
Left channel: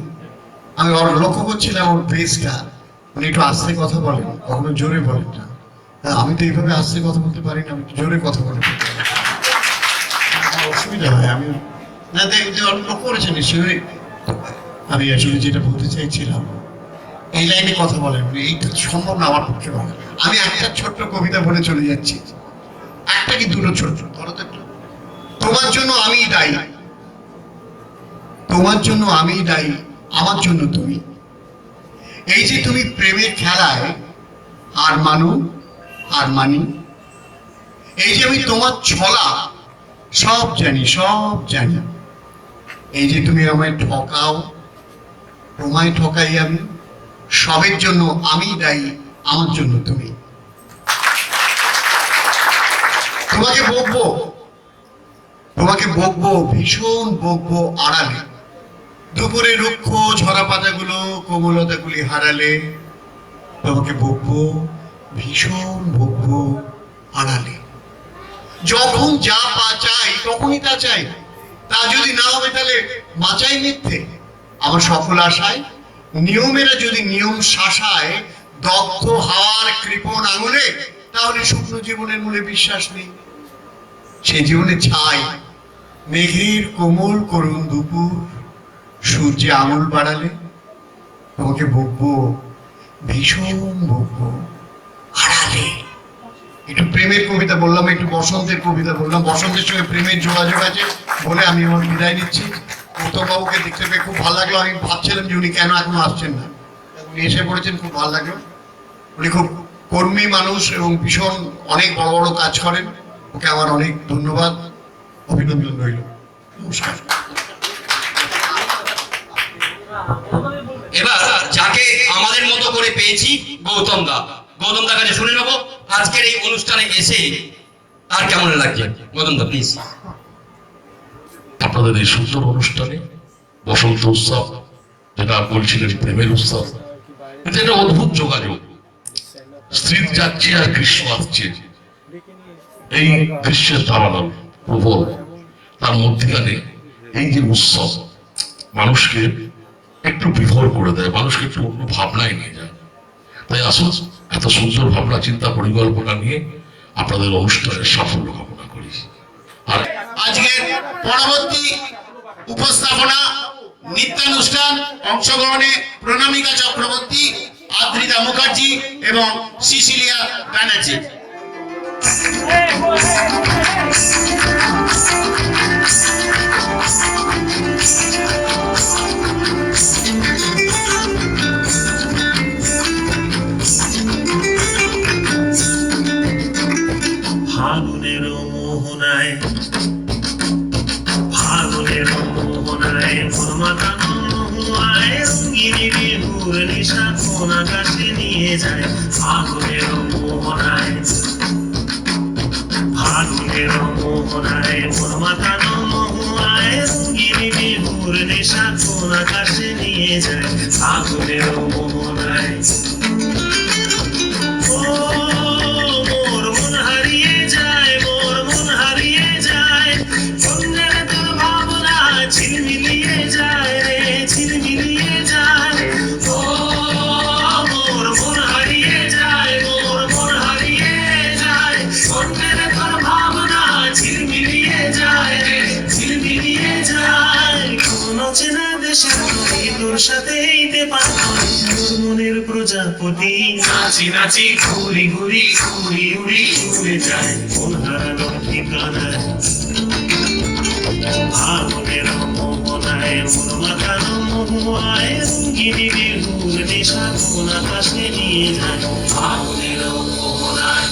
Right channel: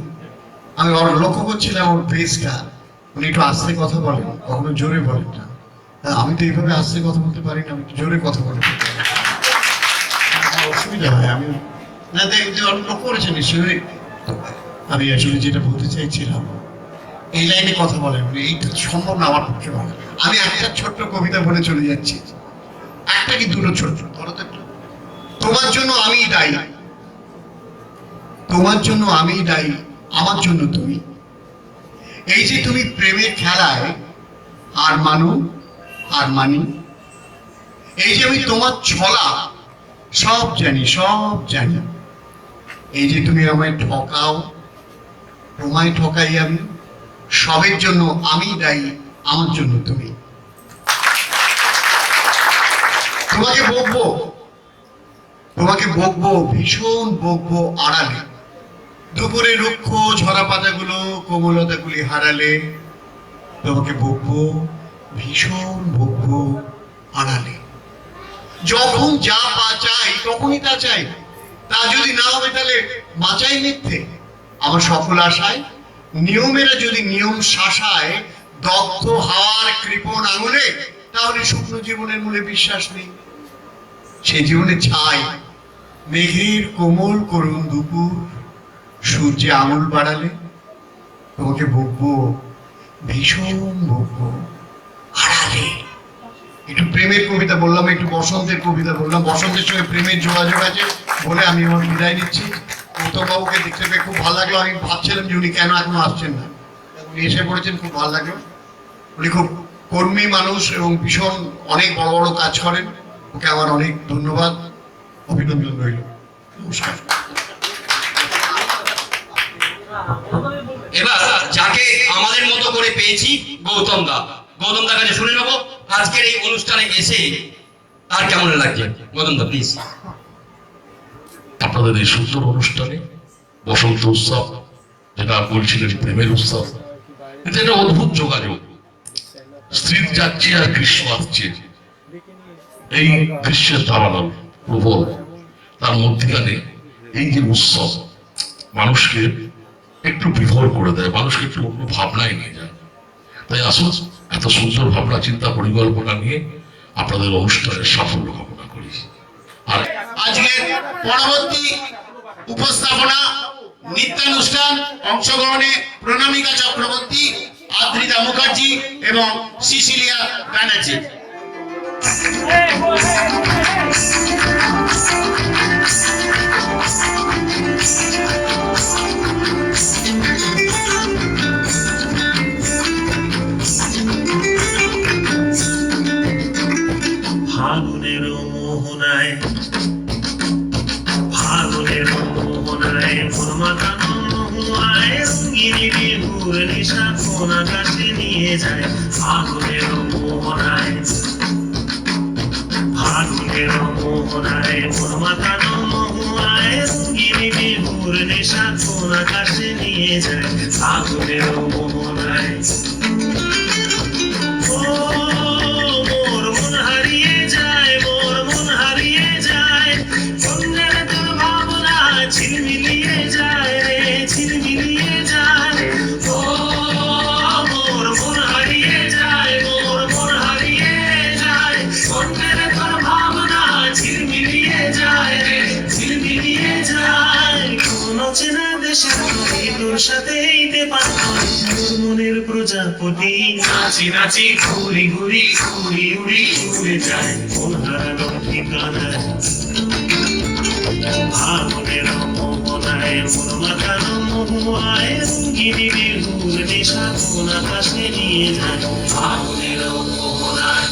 আমি লক্ষ্য করছিলাম ওর বেসটা, উনি একটু আস্তে কথা বলেন, কখনো জোরে বলেন না। আমি তো এইভাবে আস্তে কথা বলতে পারি না, আমি জোরে কথা বলতে পারি, অসুবিধা হয়। আমি না লক্ষ্য করেছেন নিশ্চয়ই। আমি আসলে যেটা বলতে চাইছিলাম, এই লাইনে কথা বলেন, এইটা সম্ভব না আমার পক্ষে বলা। আমি একটা ছোট্ট কবিতা বলে চলে যাচ্ছি, একটা কি দুটো ছোট্ট, ধরো তো একটু। তোমার জন্য আমি দায়ী, তোমার জন্য আমি দায়ী, আমার জন্য তুমি। এই যে তুমি প্রেমের খেলায় আর মানি, এই যে আমি তোমার ছলা সব জানি, সব জানি। এই যে তুমি আমায় ঠকাও, তোমায় ঠকাই আমি, সবের জন্য আমি দায়ী, আমার জন্য তুমি। তোমাকে বকবো ভীষণ বকবো আড়ালে, দুপুরে রুক্ষ ঝরা পাতাগুলো কোমলতাগুলি হারালে। তোমাকে বকবো ভীষণ বকবো আড়ালে, যখন যা পা চাই তখনই তা চাই, তা যদি না হবে তাহলে বাঁচাই মিথ্যে। আমার সফল আশায় নিয়মেরা যদি নিয়ম শাসায়, দগ্ধ হাওয়ার কৃপণ আঙুলে, তাহলে শুকনো জীবনের মূলে বিশ্বাস নেই। সে জীবনে ছাই মেঘের কোমল করুণ দুপুর, সূর্যে আঙুল বাড়ালে। তোমাকে বকবো ভীষণ বকবো আড়ালে। একটু প্রেমের কবিতা বললাম, একটু বসন্তের কবিতা বললাম, বসন্তের সঙ্গে প্রেমের যোগাযোগ আছে বলে আমি আমার বিদায় নিচ্ছি। গৌতম বাবুকে দেখতে পেয়ে খুব ভালো লাগলো। আমি ভাবছিলাম যে উনি কেন এখনো আসছেন না, উনি এসে পড়েছেন, খুব ভালো লাগলো। উনি খুব কর্মী মানুষ এবং ভীষণ অনেক বড় বড় কাজ করেন। ওকে আমার অনেক ধন্যবাদ, অভিনন্দন রইল। নমস্কার। এবার যাকে আমাদের মতো করে পেয়েছি, গৌতম দা কাছে শুনে নেবো আজকের এই অনুষ্ঠানে এসে তার কেমন লাগছে। গৌতম দা প্লিজ। আপনাদের এই সুন্দর অনুষ্ঠানে বসন্ত উৎসব, যেটা বলছিলেন প্রেমের উৎসব, এটা একটা অদ্ভুত যোগাযোগ। স্ত্রী যাচ্ছে আর গ্রীষ্ম আসছে, এই গ্রীষ্মের দাবানল প্রবল, তার মধ্যখানে এই যে উৎসব মানুষকে একটু বিভোর করে দেয়, মানুষকে একটু অন্য ভাবনায় নিয়ে যায়। তাই আসুন এত সুন্দর ভাবনা চিন্তা পরিকল্পনা নিয়ে আপনাদের অনুষ্ঠানের সাফল্য কামনা করি। আর আজকের পরবর্তী উপস্থাপনা নৃত্যানুষ্ঠান অংশগ্রহণে প্রণামিকা চক্রবর্তী, আদ্রিতা মুখার্জি এবং সিসিলিয়া ব্যানার্জি। ফাগুনের মোহনায় ফাগুনের মোহনায় মন মাতানো মহুয়ায় রঙিনী বিহুর নিশা কোন আকাশে নিয়ে যায়। ফাগুনের মোহনায় ফাগুনের মোহনায় মন মাতানো মহুয়ায় রঙিনী বিহুর নিশা কোন আকাশে নিয়ে যায়। ফাগুনের মোহনায় মোর মন হারিয়ে যায়, মোর মন হারিয়ে যায়, কন্যার তোর ভাবনা ঝিলমিলিয়ে যায় রে, ঝিলমিলিয়ে যায়। ও মোর মন হারিয়ে যায়, মোর মন হারিয়ে যায়, কন্যার তোর ভাবনা ঝিলমিলিয়ে যায় রে, ঝিলমিলিয়ে যায়। কোন চেনা দেশের নদী তোর সাথে এইতে পারতাম তোর মনের প্রজাপতি, নাচি নাচি ঘুরি ঘুরি উড়ি উড়ি উড়ে যায় মন হারানোর ঠিকানায়। ফাগুনের মোহনায় মন মাতানো মহুয়ায় রঙিনী বিহুর নেশা কোন আকাশে নিয়ে যায়। ফাগুনের মোহনায়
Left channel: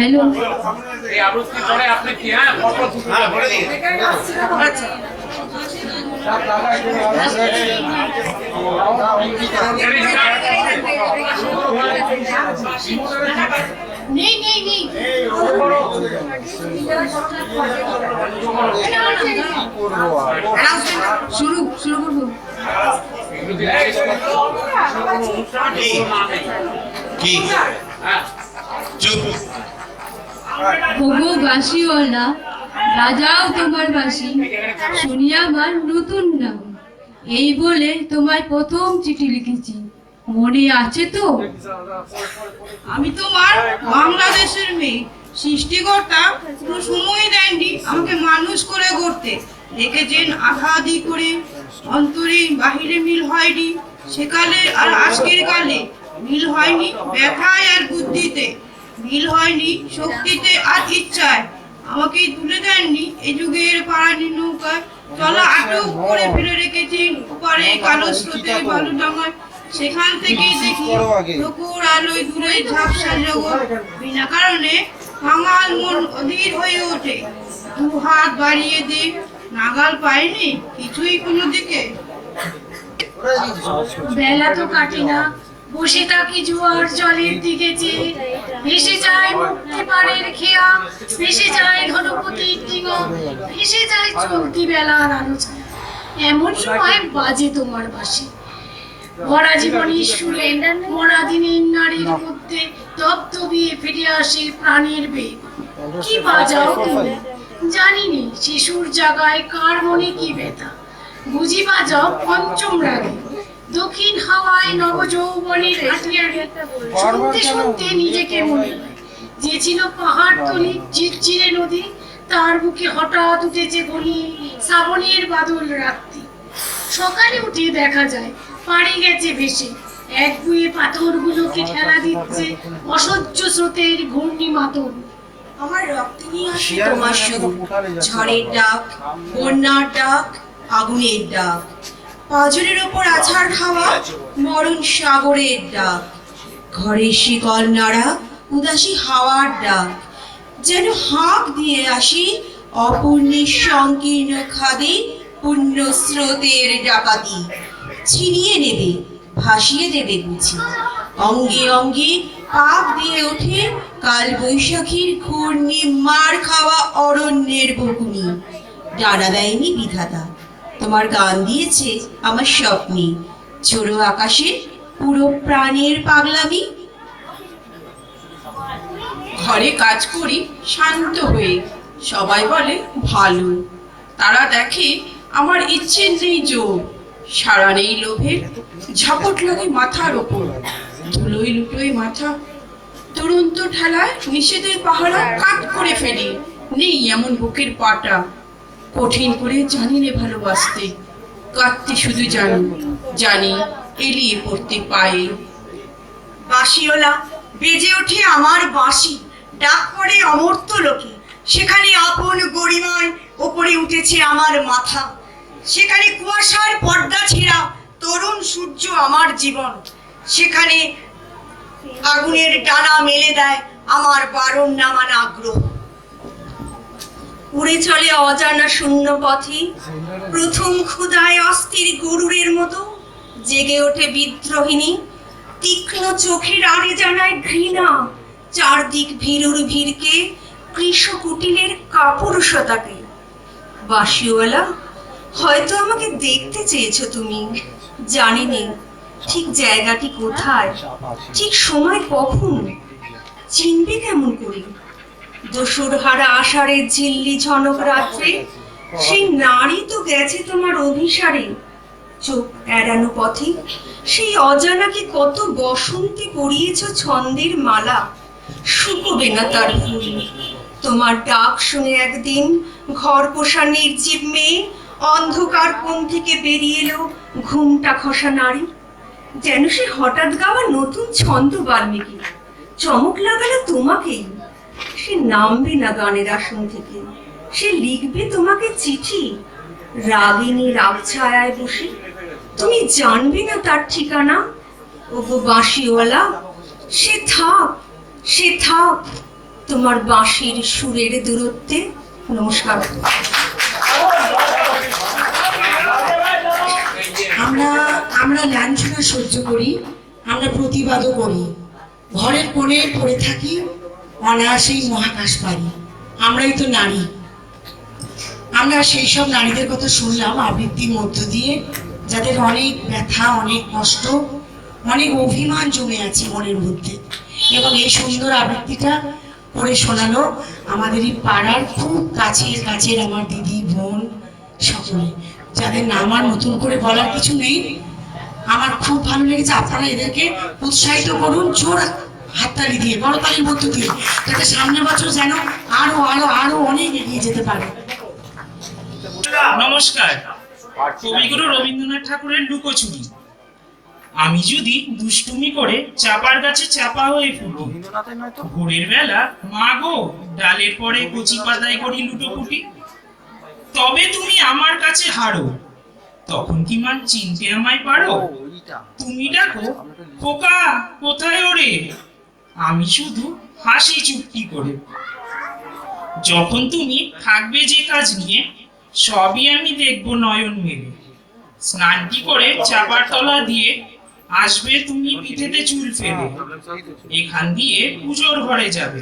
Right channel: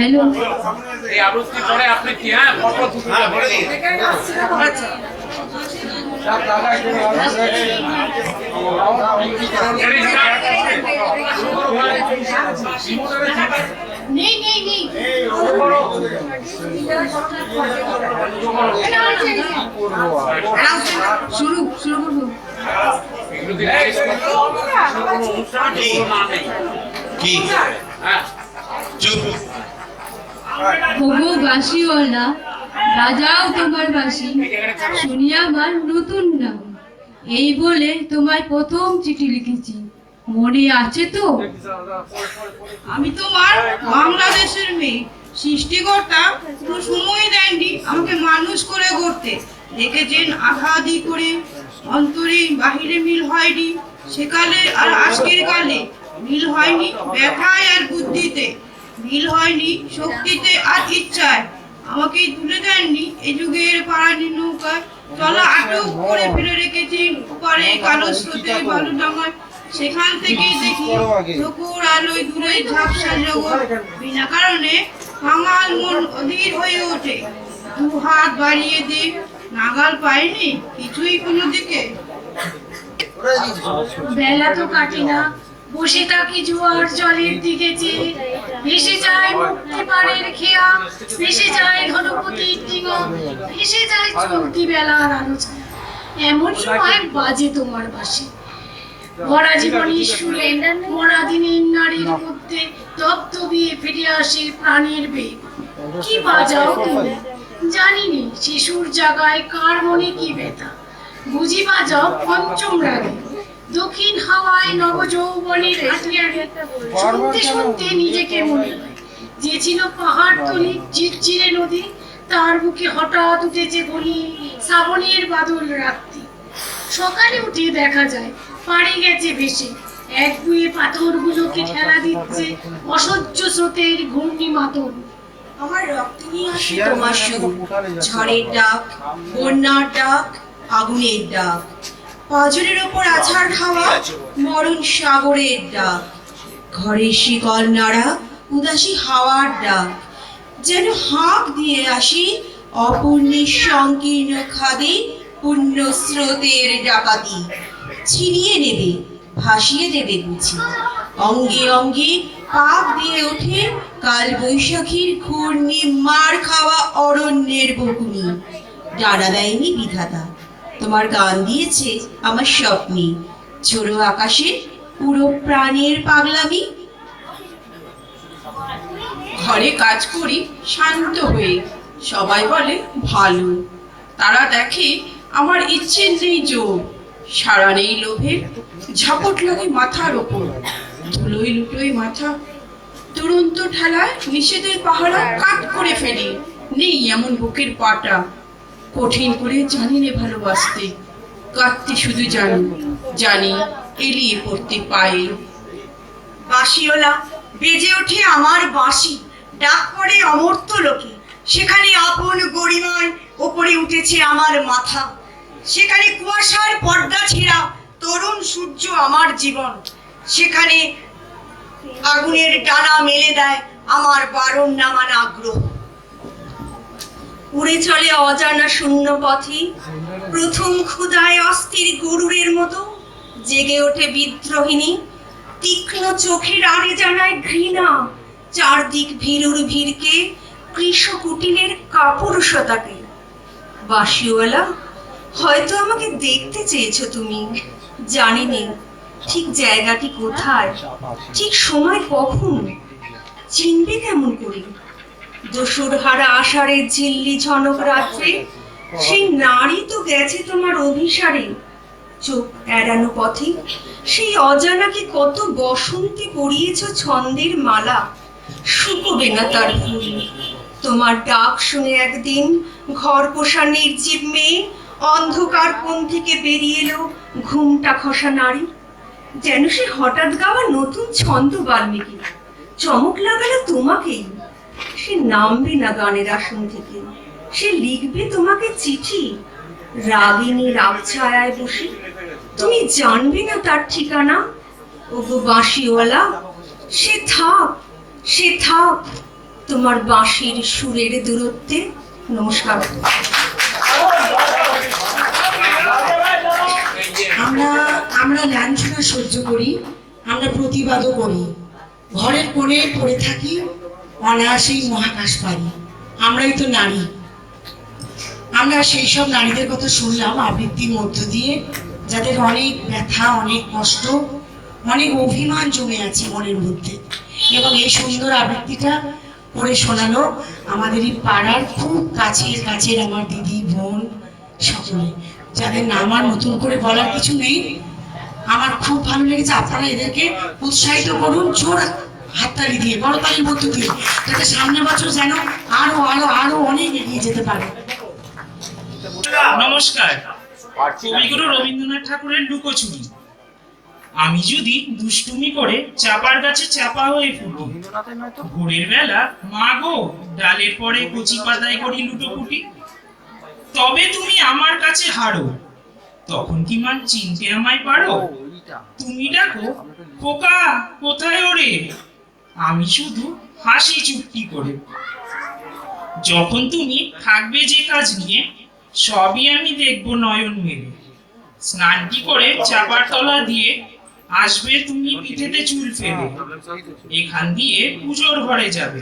হ্যালো, এই আবৃত্তি পরে আপনি কি হ্যাঁ ফটো তুলে আচ্ছা নেই নেই নেই শুরু শুরু করবো। কি চুপ হবু বাঁশিওয়ালা বাজাও তোমার বাঁশি, শুনিয়া আমার নতুন নাম, এই বলে তোমায় প্রথম চিঠি লিখেছি, মনে আছে তো? আমি তোমার বাংলাদেশের মেয়ে, সৃষ্টিকর্তা কোনো সময় দেননি আমাকে মানুষ করে গড়তে, রেখেছেন আঘাদি করে, অন্তরে বাহিরে মিল হয়নি সেকালে আর আজকের কালে, মিল হয়নি ব্যথায় আর বুদ্ধিতে, মিল হয়নি শক্তিতে আর ইচ্ছায়, আমাকে তুলে দেননি এই যুগের পাড়ানি নৌকায়, চলা আটক করে ফেলে রেখেছেন ওপারে কালো স্রোতে বালুডাঙায়, সেখান থেকেই দেখি প্রখর আলোয় দূরে ঝাপসা জগৎ বিনা কারণে কাঙাল মন অধীর হয়ে ওঠে। দু হাত বাড়িয়ে দে, নাগাল পাইনি কিছুই কোনো দিকে। বেলা তো কাটে না, বসে থাকি জোয়ার জলের দিকে চেয়ে। ভেসে যায় মুক্তি পাড়ের খেয়া, ভেসে যায় ঘনপতির ডিঙো, ভেসে যায় চলতি বেলার আলো ছায়া। এমন সময় বাজে তোমার বাঁশি, ভরা জীবনের সুরে মরা দিনের নারীর মধ্যে দপদপিয়ে ফিরে আসে প্রাণের বেগ। কি বাজাও তুমি, জানিনি শিশুর জাগায় কার মনে কি ব্যথা। বুঝি বাজাও পঞ্চম রাগে, দক্ষিণ হাওয়ায় নবযৌবনের হাতিয়ারে। শুনতে শুনতে নিজেকে মনে হয় যে ছিল পাহাড় তলি চিরচিরে নদী, তার বুকে হঠাৎ উঠেছে গলি শ্রাবণের বাদল রাত্রি। সকালে উঠে দেখা যায় পাড়ে গেছে ভেসে, এক বুয়ে পাথরগুলোকে ঠেলা দিচ্ছে অসহ্য স্রোতের ঘূর্ণি মাতন। আমার রক্ত নিয়ে আসে তোমার সুর, ঝড়ের ডাক, বন্যার ডাক, আগুনের ডাক, পাঁজরের ওপর আছাড় খাওয়া মরণ সাগরের ডাক, ঘরের শিকল নাড়া উদাসী হাওয়ার ডাক। যেন হাঁক দিয়ে আসি অপূর্ণের সংকীর্ণ খাদি পুণ্য স্রোতের ডাকাতি। ছিনিয়ে নেবে, ভাসিয়ে দেবে বুঝি, অঙ্গে অঙ্গে পাপ দিয়ে ওঠে কাল বৈশাখীর ঘূর্ণি মার খাওয়া অরণ্যের বকুনি। ডানা দেয়নি বিধাতা, তোমার গান দিয়েছে আমার স্বপ্নে, ঝোড়ো আকাশে পুরো প্রাণের পাগলামি। ঘরে কাজ করি শান্ত হয়ে, সবাই বলে ভালো, তারা দেখে আমার ইচ্ছে নেই জোর, সারা নেই লোভের, ঝাপট লাগে মাথার ওপর, ধুলোই লুটোই মাথা। দুরন্ত ঠেলায় নিষেধের পাহারা কাট করে ফেলি, নেই এমন বুকের পাটা। কঠিন করে জানি নে ভালোবাসতে, কাঁদতে শুধু জানি, জানি এলিয়ে পড়তে পায়ে। বাঁশিওলা বেজে ওঠে আমার বাঁশি, ডাক পড়ে অমর্ত্য লোকে, সেখানে আপন গরিমায় ওপরে উঠেছে আমার মাথা। সেখানে কুয়াশার পর্দা ছেঁড়া তরুণ সূর্য আমার জীবন, সেখানে আগুনের ডানা মেলে দেয় আমার বারণ নামান আগ্রহ। উড়ে চলে অজানা শূন্য পথে, প্রথম ক্ষুধায় অস্থির গরুরের মতো জেগে ওঠে বিদ্রোহিণী। তীক্ষ্ণ চোখের আড়ে জানায় ঘৃণা চারদিক ভীরুর ভিড়কে, কৃষ কুটিলের কাপুরুষতাকে। বাঁশিওয়ালা, হয়তো আমাকে দেখতে চেয়েছো তুমি, জানি নে ঠিক জায়গাটি কোথায়, ঠিক সময় কখন, চিনবে কেমন করে? দোসর হারা আষাঢ়ের ঝিল্লি ঝনক রাত্রে সেই নারী তো গেছে তোমার অভিসারে। চোখ এড়ানো পথে সেই অজানাকে কত বসন্তে পরিয়েছ ছন্দের মালা, শুকোবে না তার ফুল। তোমার ডাক শুনে একদিন ঘর পোষা নির্জীব মেয়ে অন্ধকার কোণ থেকে বেরিয়ে এলো ঘুমটা খসা নারী। যেন সে হঠাৎ গাওয়া নতুন ছন্দ বাল্মীকি, চমক লাগালো তোমাকেই। সে নামবে না গানের আসন থেকে, সে লিখবে তোমাকে চিঠি, রাগিনী রাগছায়ায় বসে। তুমি জানবে না তার ঠিকানা। ওগো বাঁশিওয়ালা, সে থাক, সে থাক তোমার বাঁশির সুরের দূরত্বে। নমস্কার। আমরা লাঞ্ছনা সহ্য করি, আমরা প্রতিবাদও করি, ঘরের কোণে পড়ে থাকি, অনায়াসেই মহাকাশ পারি। আমরাই তো নারী। আমরা সেই সব নারীদের কথা শুনলাম আবৃত্তির মধ্য দিয়ে, যাদের অনেক ব্যথা, অনেক কষ্ট, অনেক অভিমান জমে আছে মনের মধ্যে। এবং এই সুন্দর আবৃত্তিটা করে শোনালো আমাদেরই পাড়ার খুব কাছের আমার দিদি বোন সকলে, যাদের নাম আর নতুন করে বলার কিছু নেই। আমার খুব ভালো লেগেছে। আপনারা এদেরকে উৎসাহিত করুন জোর হাততালি দিয়ে, বড়তালির মধ্য দিয়ে, যাতে সামনের বছর যেন আরো আরো আরো অনেক এগিয়ে যেতে পারে। নমস্কার। কবিগুরু রবীন্দ্রনাথ ঠাকুরের লুকোচুরি। আমি যদি দুষ্টুমি করে চাপার গাছে চাপা হয়ে ফুটি, ভোরের বেলা মা গো ডালের পরে কচি পাতায় করি লুটোপুটি, তবে তুমি আমার কাছে হারো, তখন কি মা চিনতে আমায় পারো? তুমি ডাকো খোকা কোথায় ওরে, আমি শুধু হাসি চুপটি করে। যখন তুমি থাকবে যে কাজ নিয়ে, সবই আমি দেখবো নয়ন মেলে। স্নানটি করে চাপার তলা দিয়ে আসবে তুমি পিঠেতে চুল ফেলে। এখান দিয়ে পুজোর ঘরে যাবে,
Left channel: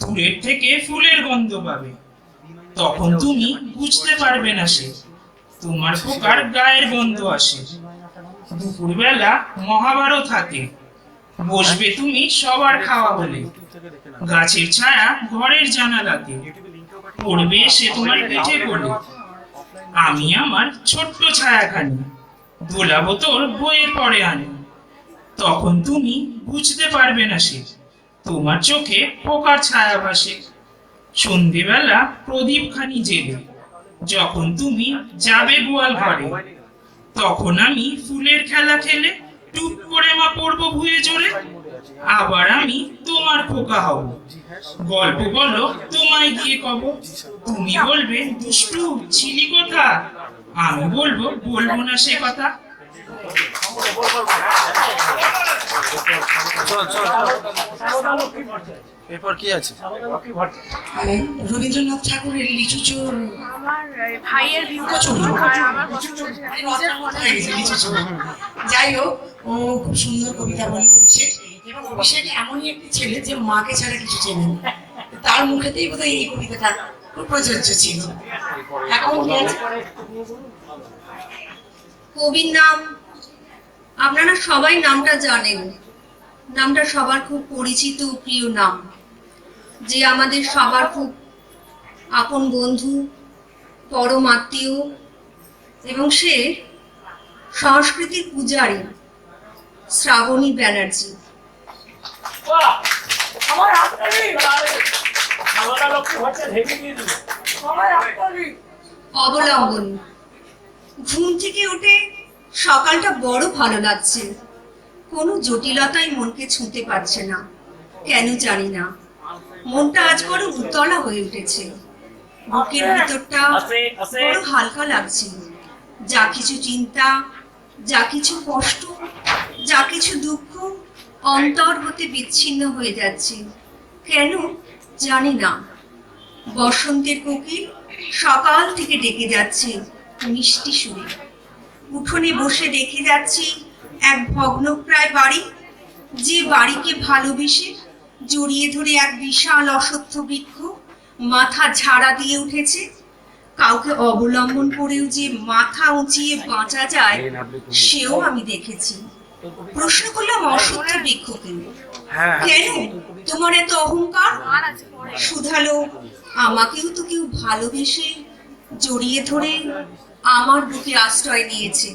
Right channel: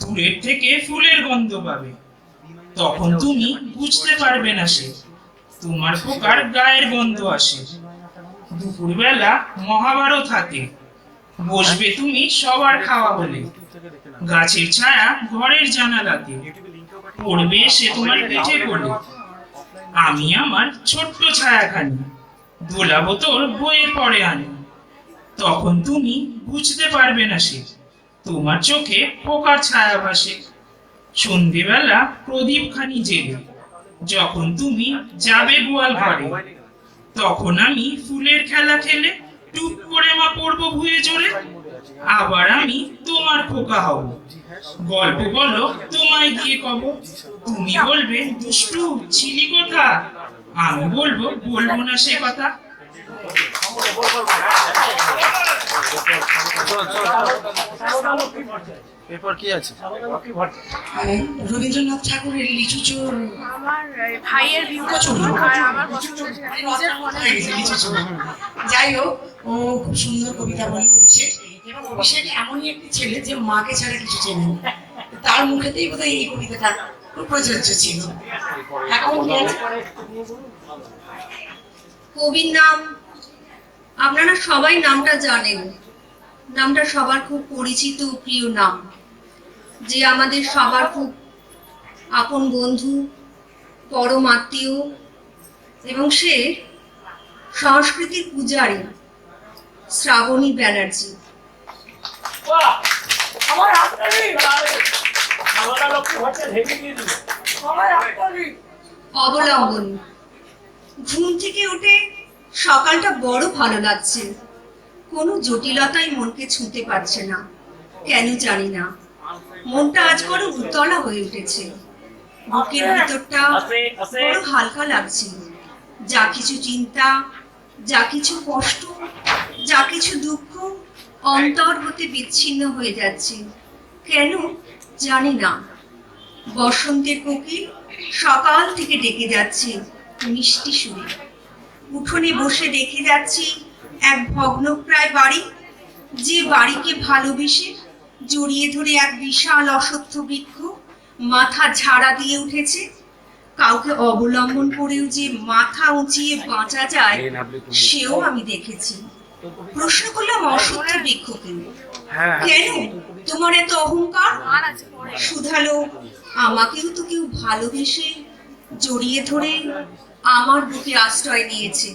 দূরের থেকে ফুলের গন্ধ পাবে। তখন তুমি বুঝতে পারবে না সে তোমার খোকার গায়ের গন্ধ আসে। দুপুরবেলা মহাভারত হাতে বসবে তুমি সবার খাওয়া বলে। গাছের ছায়া ঘরের জানালাতে পড়বে সে তোমার পিঠে কোলে। আমি আমার ছোট্ট ছায়াখানি দোলাবো তোর বইয়ের পরে আনি। তখন তুমি বুঝতে পারবে না সে তোমার চোখে পোকার ছায়া ভাসে। সন্ধেবেলা প্রদীপ খানি জেলে যখন তুমি যাবে গোয়াল ঘরে, তখন আমি ফুলের খেলা খেলে টুপ করে মা পড়বো ভুয়ে জোরে। আবার আমি তোমার খোকা হব, গল্প বলো তোমায় গিয়ে কব। তুমি বলবে দুষ্টু ছিলি কোথা, আমি বলবো বলবো না সে কথা। এরপর কি আছে? রবীন্দ্রনাথ ঠাকুরের লিচু চোর, আমার ভাইয়ের লিচু চোর। যাই হোক, ও খুব সুন্দর কবিতা বলে অভিষেক। এবং অভিষেক এমনই একটি ছেলে যে মাকে ছাড়া কিছু চেনে না। তার মুখেতেই বোধহয় এই কবিতাটা খুব প্রযোজ্য ছিল। এখন কি আছে? কবির নাম আপনারা সবাই নামটা জানেন। নামটা সবার খুব পরিচিত ও প্রিয় নাম, যে আমাদের সবার খুব আপন বন্ধু, পরম আত্মীয়, এবং সে সংস্কৃতির পূজারী শ্রাবণী ব্যানার্জি। অবলম্বন। ঘুম থেকে উঠে সকালটা বড় ভালো লাগছে। কোনো জটিলতাই মনকে ছুঁতে পারছে না, কেন জানি না। মনটা আজ বড় উতলা হয়ে উঠেছে। বুকের ভিতরটা বড় হালকা লাগছে। যা কিছু চিন্তা, যা কিছু কষ্ট, যা কিছু দুঃখ অন্তর হতে বিচ্ছিন্ন হয়ে যাচ্ছে, কেন জানি না। বসন্তের কোকিল সকাল থেকে ডেকে যাচ্ছে মিষ্টি সুরে। উঠোনে বসে দেখে যাচ্ছি এক ভগ্নপ্রায় বাড়ি, যে বাড়িকে ভালোবেসে জড়িয়ে ধরে এক বিশাল অশ্বত্থ বৃক্ষ মাথা ঝাড়া দিয়ে উঠেছে। কাউকে অবলম্বন করেও যে মাথা উঁচিয়ে বাঁচা যায়, সেও আমি দেখেছি। প্রশ্ন করলাম অশ্বত্থ বৃক্ষকে, কেন তোমার এত অহংকার? শুধালো, আমাকেও তো কেউ ভালোবেসে জড়িয়ে ধরে আমার বুকে আশ্রয় নিয়েছে,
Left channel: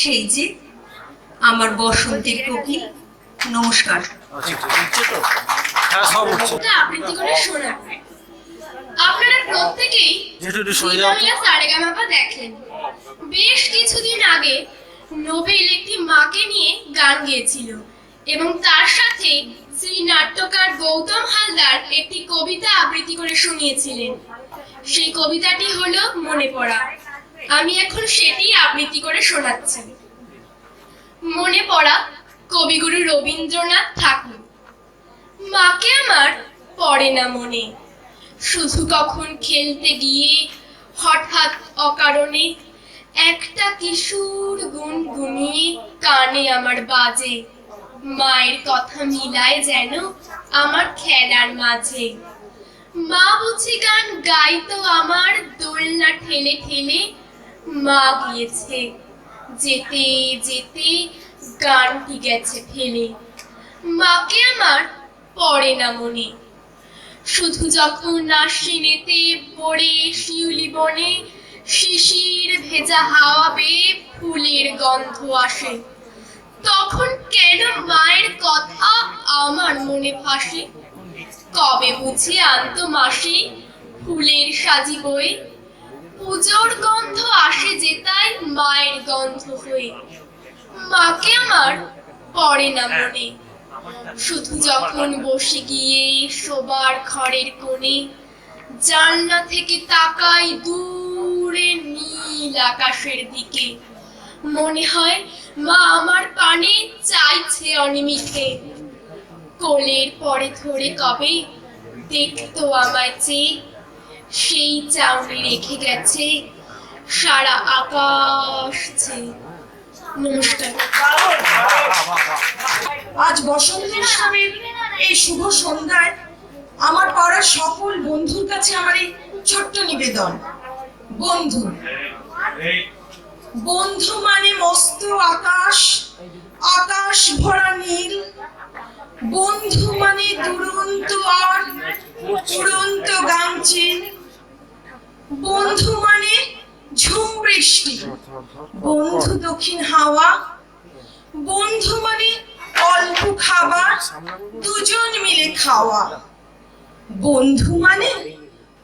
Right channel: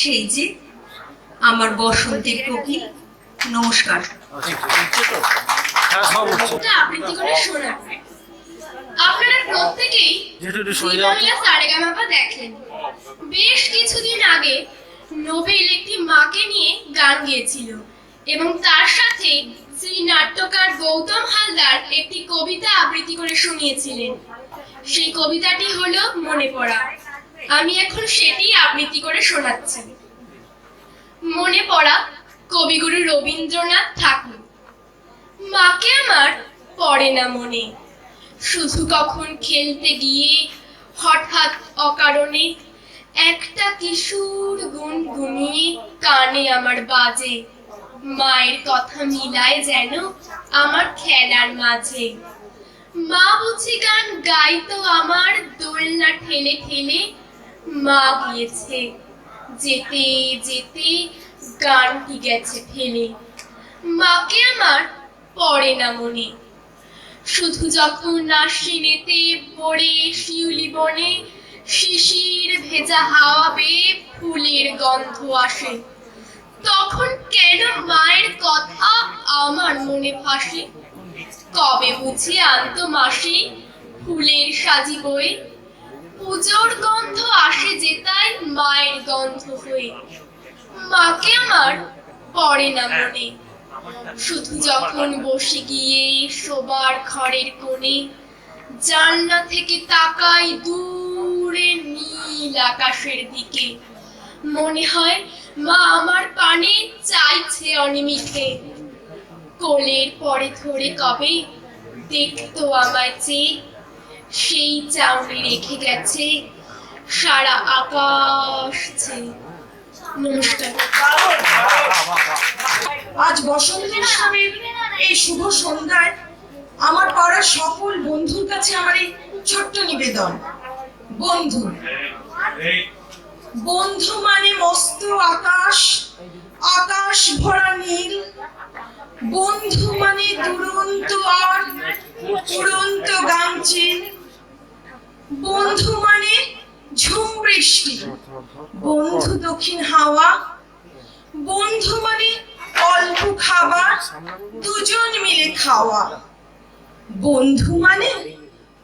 সেই যে আমার বসন্তের কোকিল। নমস্কার। আবৃত্তি করে শোনাবেন। আপনারা প্রত্যেকেই সারেগামাপা দেখেন। বেশ কিছুদিন আগে নোবেল একটি মাকে নিয়ে গান গেয়েছিল, এবং তার সাথে শ্রী নাট্যকার গৌতম হালদার একটি কবিতা আবৃত্তি করে শুনিয়েছিলেন। সেই কবিতাটি হলো মনে পড়া। আমি এখন সেটি আবৃত্তি করে শোনাচ্ছি। মনে পড়া কবিগুরু রবীন্দ্রনাথ ঠাকুর। মাকে আমার পড়ে না মনে, শুধু কখন খেলতে গিয়ে হঠাৎ অকারণে একটা কিশোর গুনগুনিয়ে কানে আমার বাজে। মায়ের কথা মিলায় যেন আমার খেলার মাঝে। মা বুঝি গান গাইতো আমার দোলনা ঠেলে ঠেলে। মা গিয়েছে, যেতে যেতে গানটি গেছে ফেলে। মাকে আমার পড়ে না মনে, শুধু যখন আশ্বিনেতে পড়ে শিউলি বনে শিশির ভেজা হাওয়া বেয়ে ফুলের গন্ধ আসে, তখন কেন মায়ের কথা আমার মনে ভাসে। কবে বুঝি আনতো মাসি ফুলের সাজি বয়ে, পুজোর গন্ধ আসে যেতাই মায়ের গন্ধ হয়ে। মাকে আমার পড়ে না মনে, শুধু যখন বসে গিয়ে শোবার ঘরের কোণে জানলা থেকে তাকাই দূরে নীল আকাশের দিকে। মনে হয় মা আমার পানে চাইছে অনিমিষে। কোলের পরে ধরে কবে দেখতো আমায় চেয়ে, সেই চাউনি রেখে গেছে সারা আকাশ চেয়ে। নমস্কার। আজ বসন্তের স্বামীর এই শুভ সন্ধ্যায় আমার পাড়ার সকল বন্ধুর কাছে আমার এই ছোট্ট নিবেদন। বন্ধু, বন্ধু মানে মস্ত আকাশ, আকাশ ভরা নীল। বন্ধু মানে দুরন্ত আর উড়ন্ত গামচিল। বন্ধু মানে ঝুম বৃষ্টি, বন্ধু দক্ষিণ হাওয়া। বন্ধু মানে অল্প খাবার, দুজন মিলে খাওয়া। বন্ধু মানে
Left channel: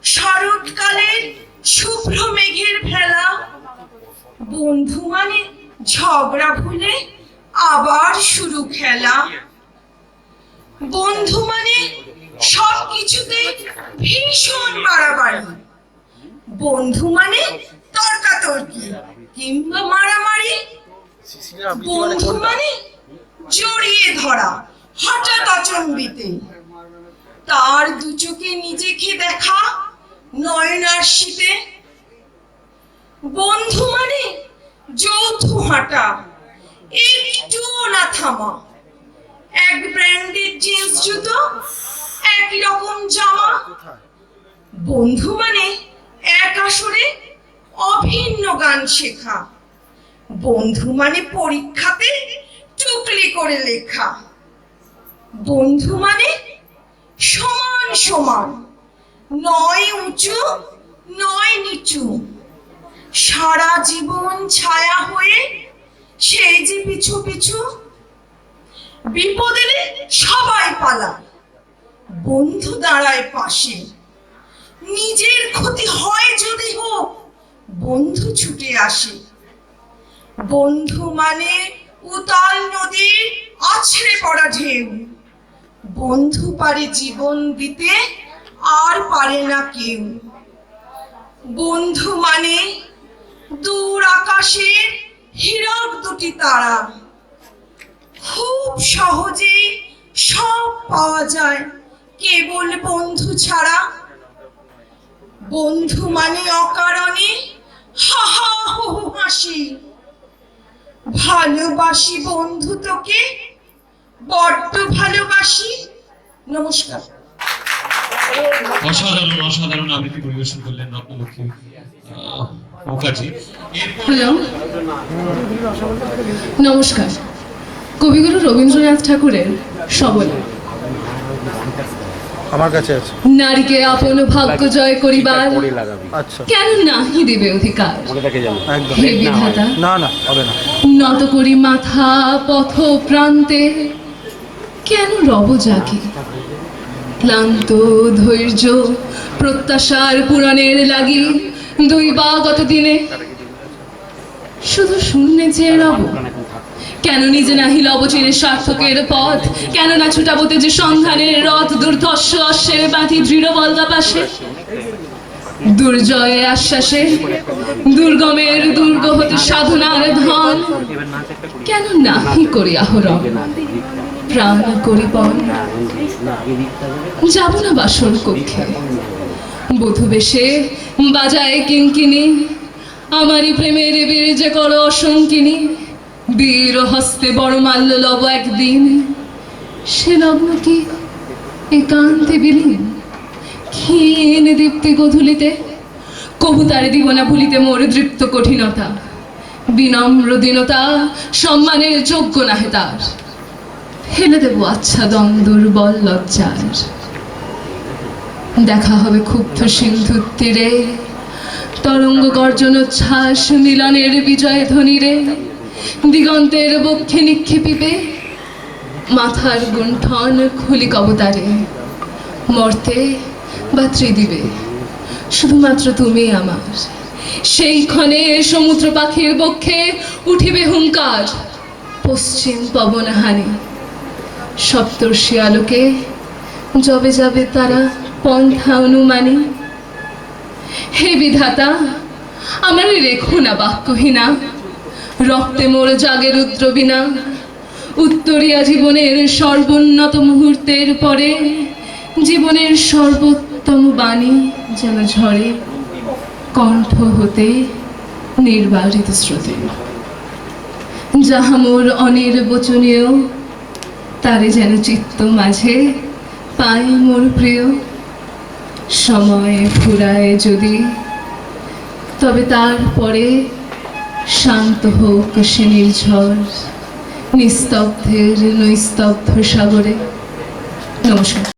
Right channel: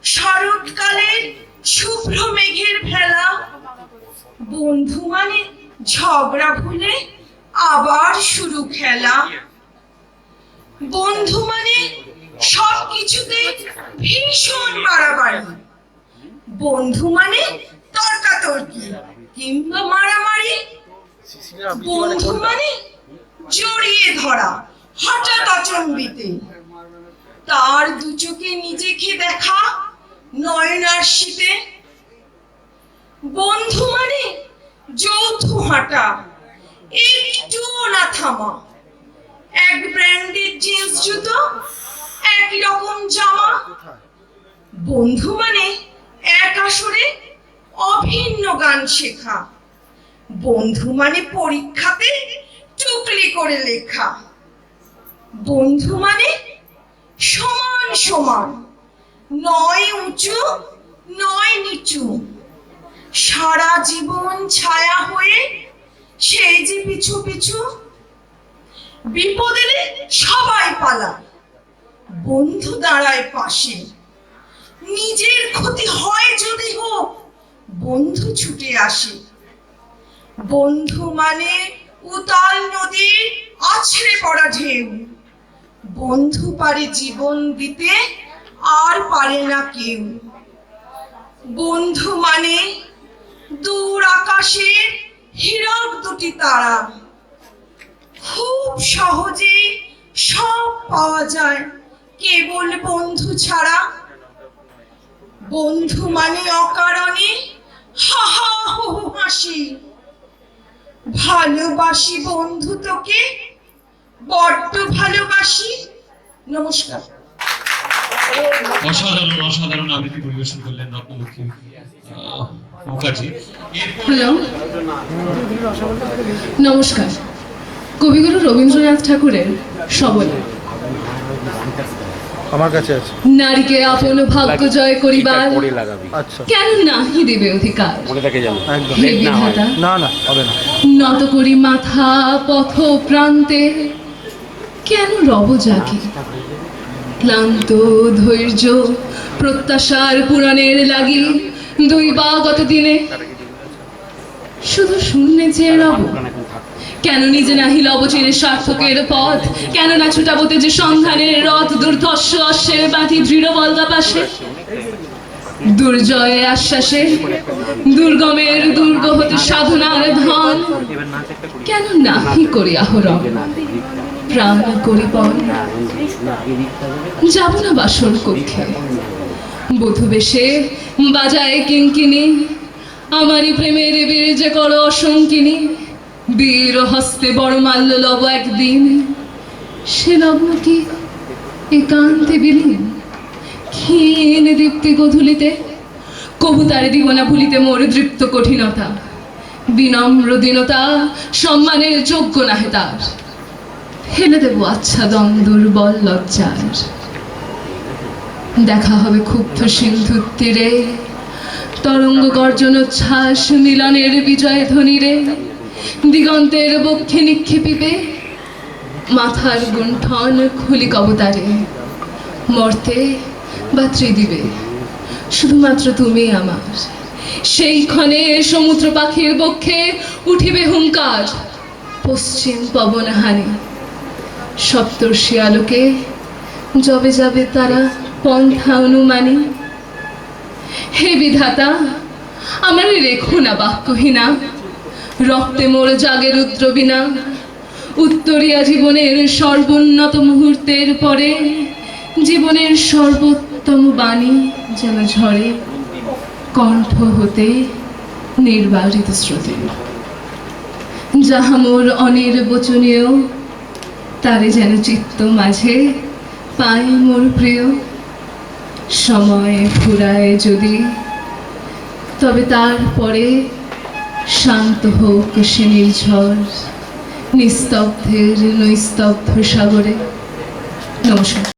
শরৎকালের শুভ্র মেঘের ভেলা। বন্ধু মানে ঝগড়া ভুলে আবার শুরু খেলা। বন্ধু মানে সবকিছুতে ভীষণ বাড়াবাড়ি। বন্ধু মানে তর্কাতর্কি কিংবা মারামারি। বন্ধু মানে জড়িয়ে ধরা হঠাৎ অচম্বিতে, তার দু চোখে নিজেকে দেখা নয়নার শীতে। বন্ধু মানে যৌথ হাঁটা, একটু না থামা, এক ব্র্যান্ডেড জিন্স জুতো, একই রকম জামা। বন্ধু মানে এক আসরে অভিন্ন গান শেখা। বন্ধু মানে পরীক্ষাতে টুকলি করে লেখা। বন্ধু মানে সমান সমান, নয় উঁচু নয় নিচু, সারা জীবন ছায়া হয়ে সেই যে পিছু পিছু। বিপদ এলে সবাই পালায়, বন্ধু দাঁড়ায় পাশে। নিজের ক্ষতি হয় যদি হোক, বন্ধু ছুটে আসে। বন্ধু মানে উতাল নদীর আছড়ে পড়া ঢেউ। বন্ধু পারে জীবন দিতে, আর পারে না কেউ। বন্ধু মানে দূর আকাশের হীরক দুটি তারা। খুব সহজে সব পাওয়া যায় কেবল বন্ধু ছাড়া। বন্ধু মানে অকারণে হা হা হু হু হাসি। ভালোবাসি বন্ধু তোকে, বড্ড ভালোবাসি। নমস্কার। অসাধারণ অসাধারণ আবৃত্তি পরিবেশন করলেন রত্নলক্ষ্মী মুখার্জি। হ্যালো, নমস্কার। কবিগুরু রবীন্দ্রনাথ ঠাকুরের সবলে আমার কাছে আছে। নারীকে আপন ভাগ্য জয় করিবার আচ্ছা, কেন নাহি দেবে অধিকার। একদম। হে বিধাতা, না না হবে না। নত করি মাথা পথ প্রান্তে, কেন রব জাগে। ক্লান্ত ধৈর্য প্রত্যাশার পুরাণের লাগি, দুই বা গত দিনে শুধু শূন্যে চেয়ে রব। কেন নিজে নাহি লব চিরে সার্থকের পথ, কেন না ছুটাবতে যে সন্ধানের রথ। দুর্ধর্ষ অশ্বের বাঁধি দৃঢ় বলগা পাশে, দুর্জয়ের আশ্বাসে দুর্গমের দুর্গ হতে সাধনার ধন। কেন নাহি করি আহরণ, প্রাণ করি পণ। যাব না বাসর কক্ষে, বধূ বেশে বাজায় কিঙ্কিনি। আমারই প্রেমের বীর্যে করো অসঙ্কিনী। বীর হস্তে বড় মাল্য লব একদিন, সে লগ্ন কি একান্তে বিলীন। ক্ষীণ দীপ্তি গধূলিতে কবুতারে দিব না ভুলিতে মোর দৃপ্ত কঠিনতা। বিনম্র দীনতা সম্মানের যোগ্য নাহে তার, ফেলে দেব আচ্ছাদন দুর্বল লজ্জার। দেখা হবে ক্ষুব্ধ সিন্ধুর তীরে, তরঙ্গ গর্জন উচ্ছ্বাস মিলনের বিজয় ধ্বনিরে। দিগন্তের বক্ষে নিক্ষেপিবে মাথার গুণ্ঠন খুলি কবতারে। মর্তে বা ত্রিদিবে শুধুমাত্র তুমি আমার। সেই ক্ষণে সমুদ্র পাখির বক্ষে উঠিবে হুঙ্কার, পশ্চিম পবনহানি। সপ্তর্ষি আলোকে যবে যাবে তারা পন্থা অনুমানী। হে বিধাতা, আমার রেখো না বাক্যহীনা। রক্তে মোর জাগে রুদ্রবীণা, উত্তরিয়া জীবনের সর্বোন্নত মুহূর্তের পরে জীবনের সর্বোত্তম বাণী যেন ঝরে কণ্ঠ হতে নির্বারিত স্রোতে। যাহা মোর অনির্বচনীয় তারে যেন চিত্ত মাঝে পাই মোর প্রিয়। সময় ফুরায় যদি তবে তারপরে শান্ত হোক সে নির্ঝর নিস্তব্ধের নৈস্তব্ধ সাগরে। নমস্কার।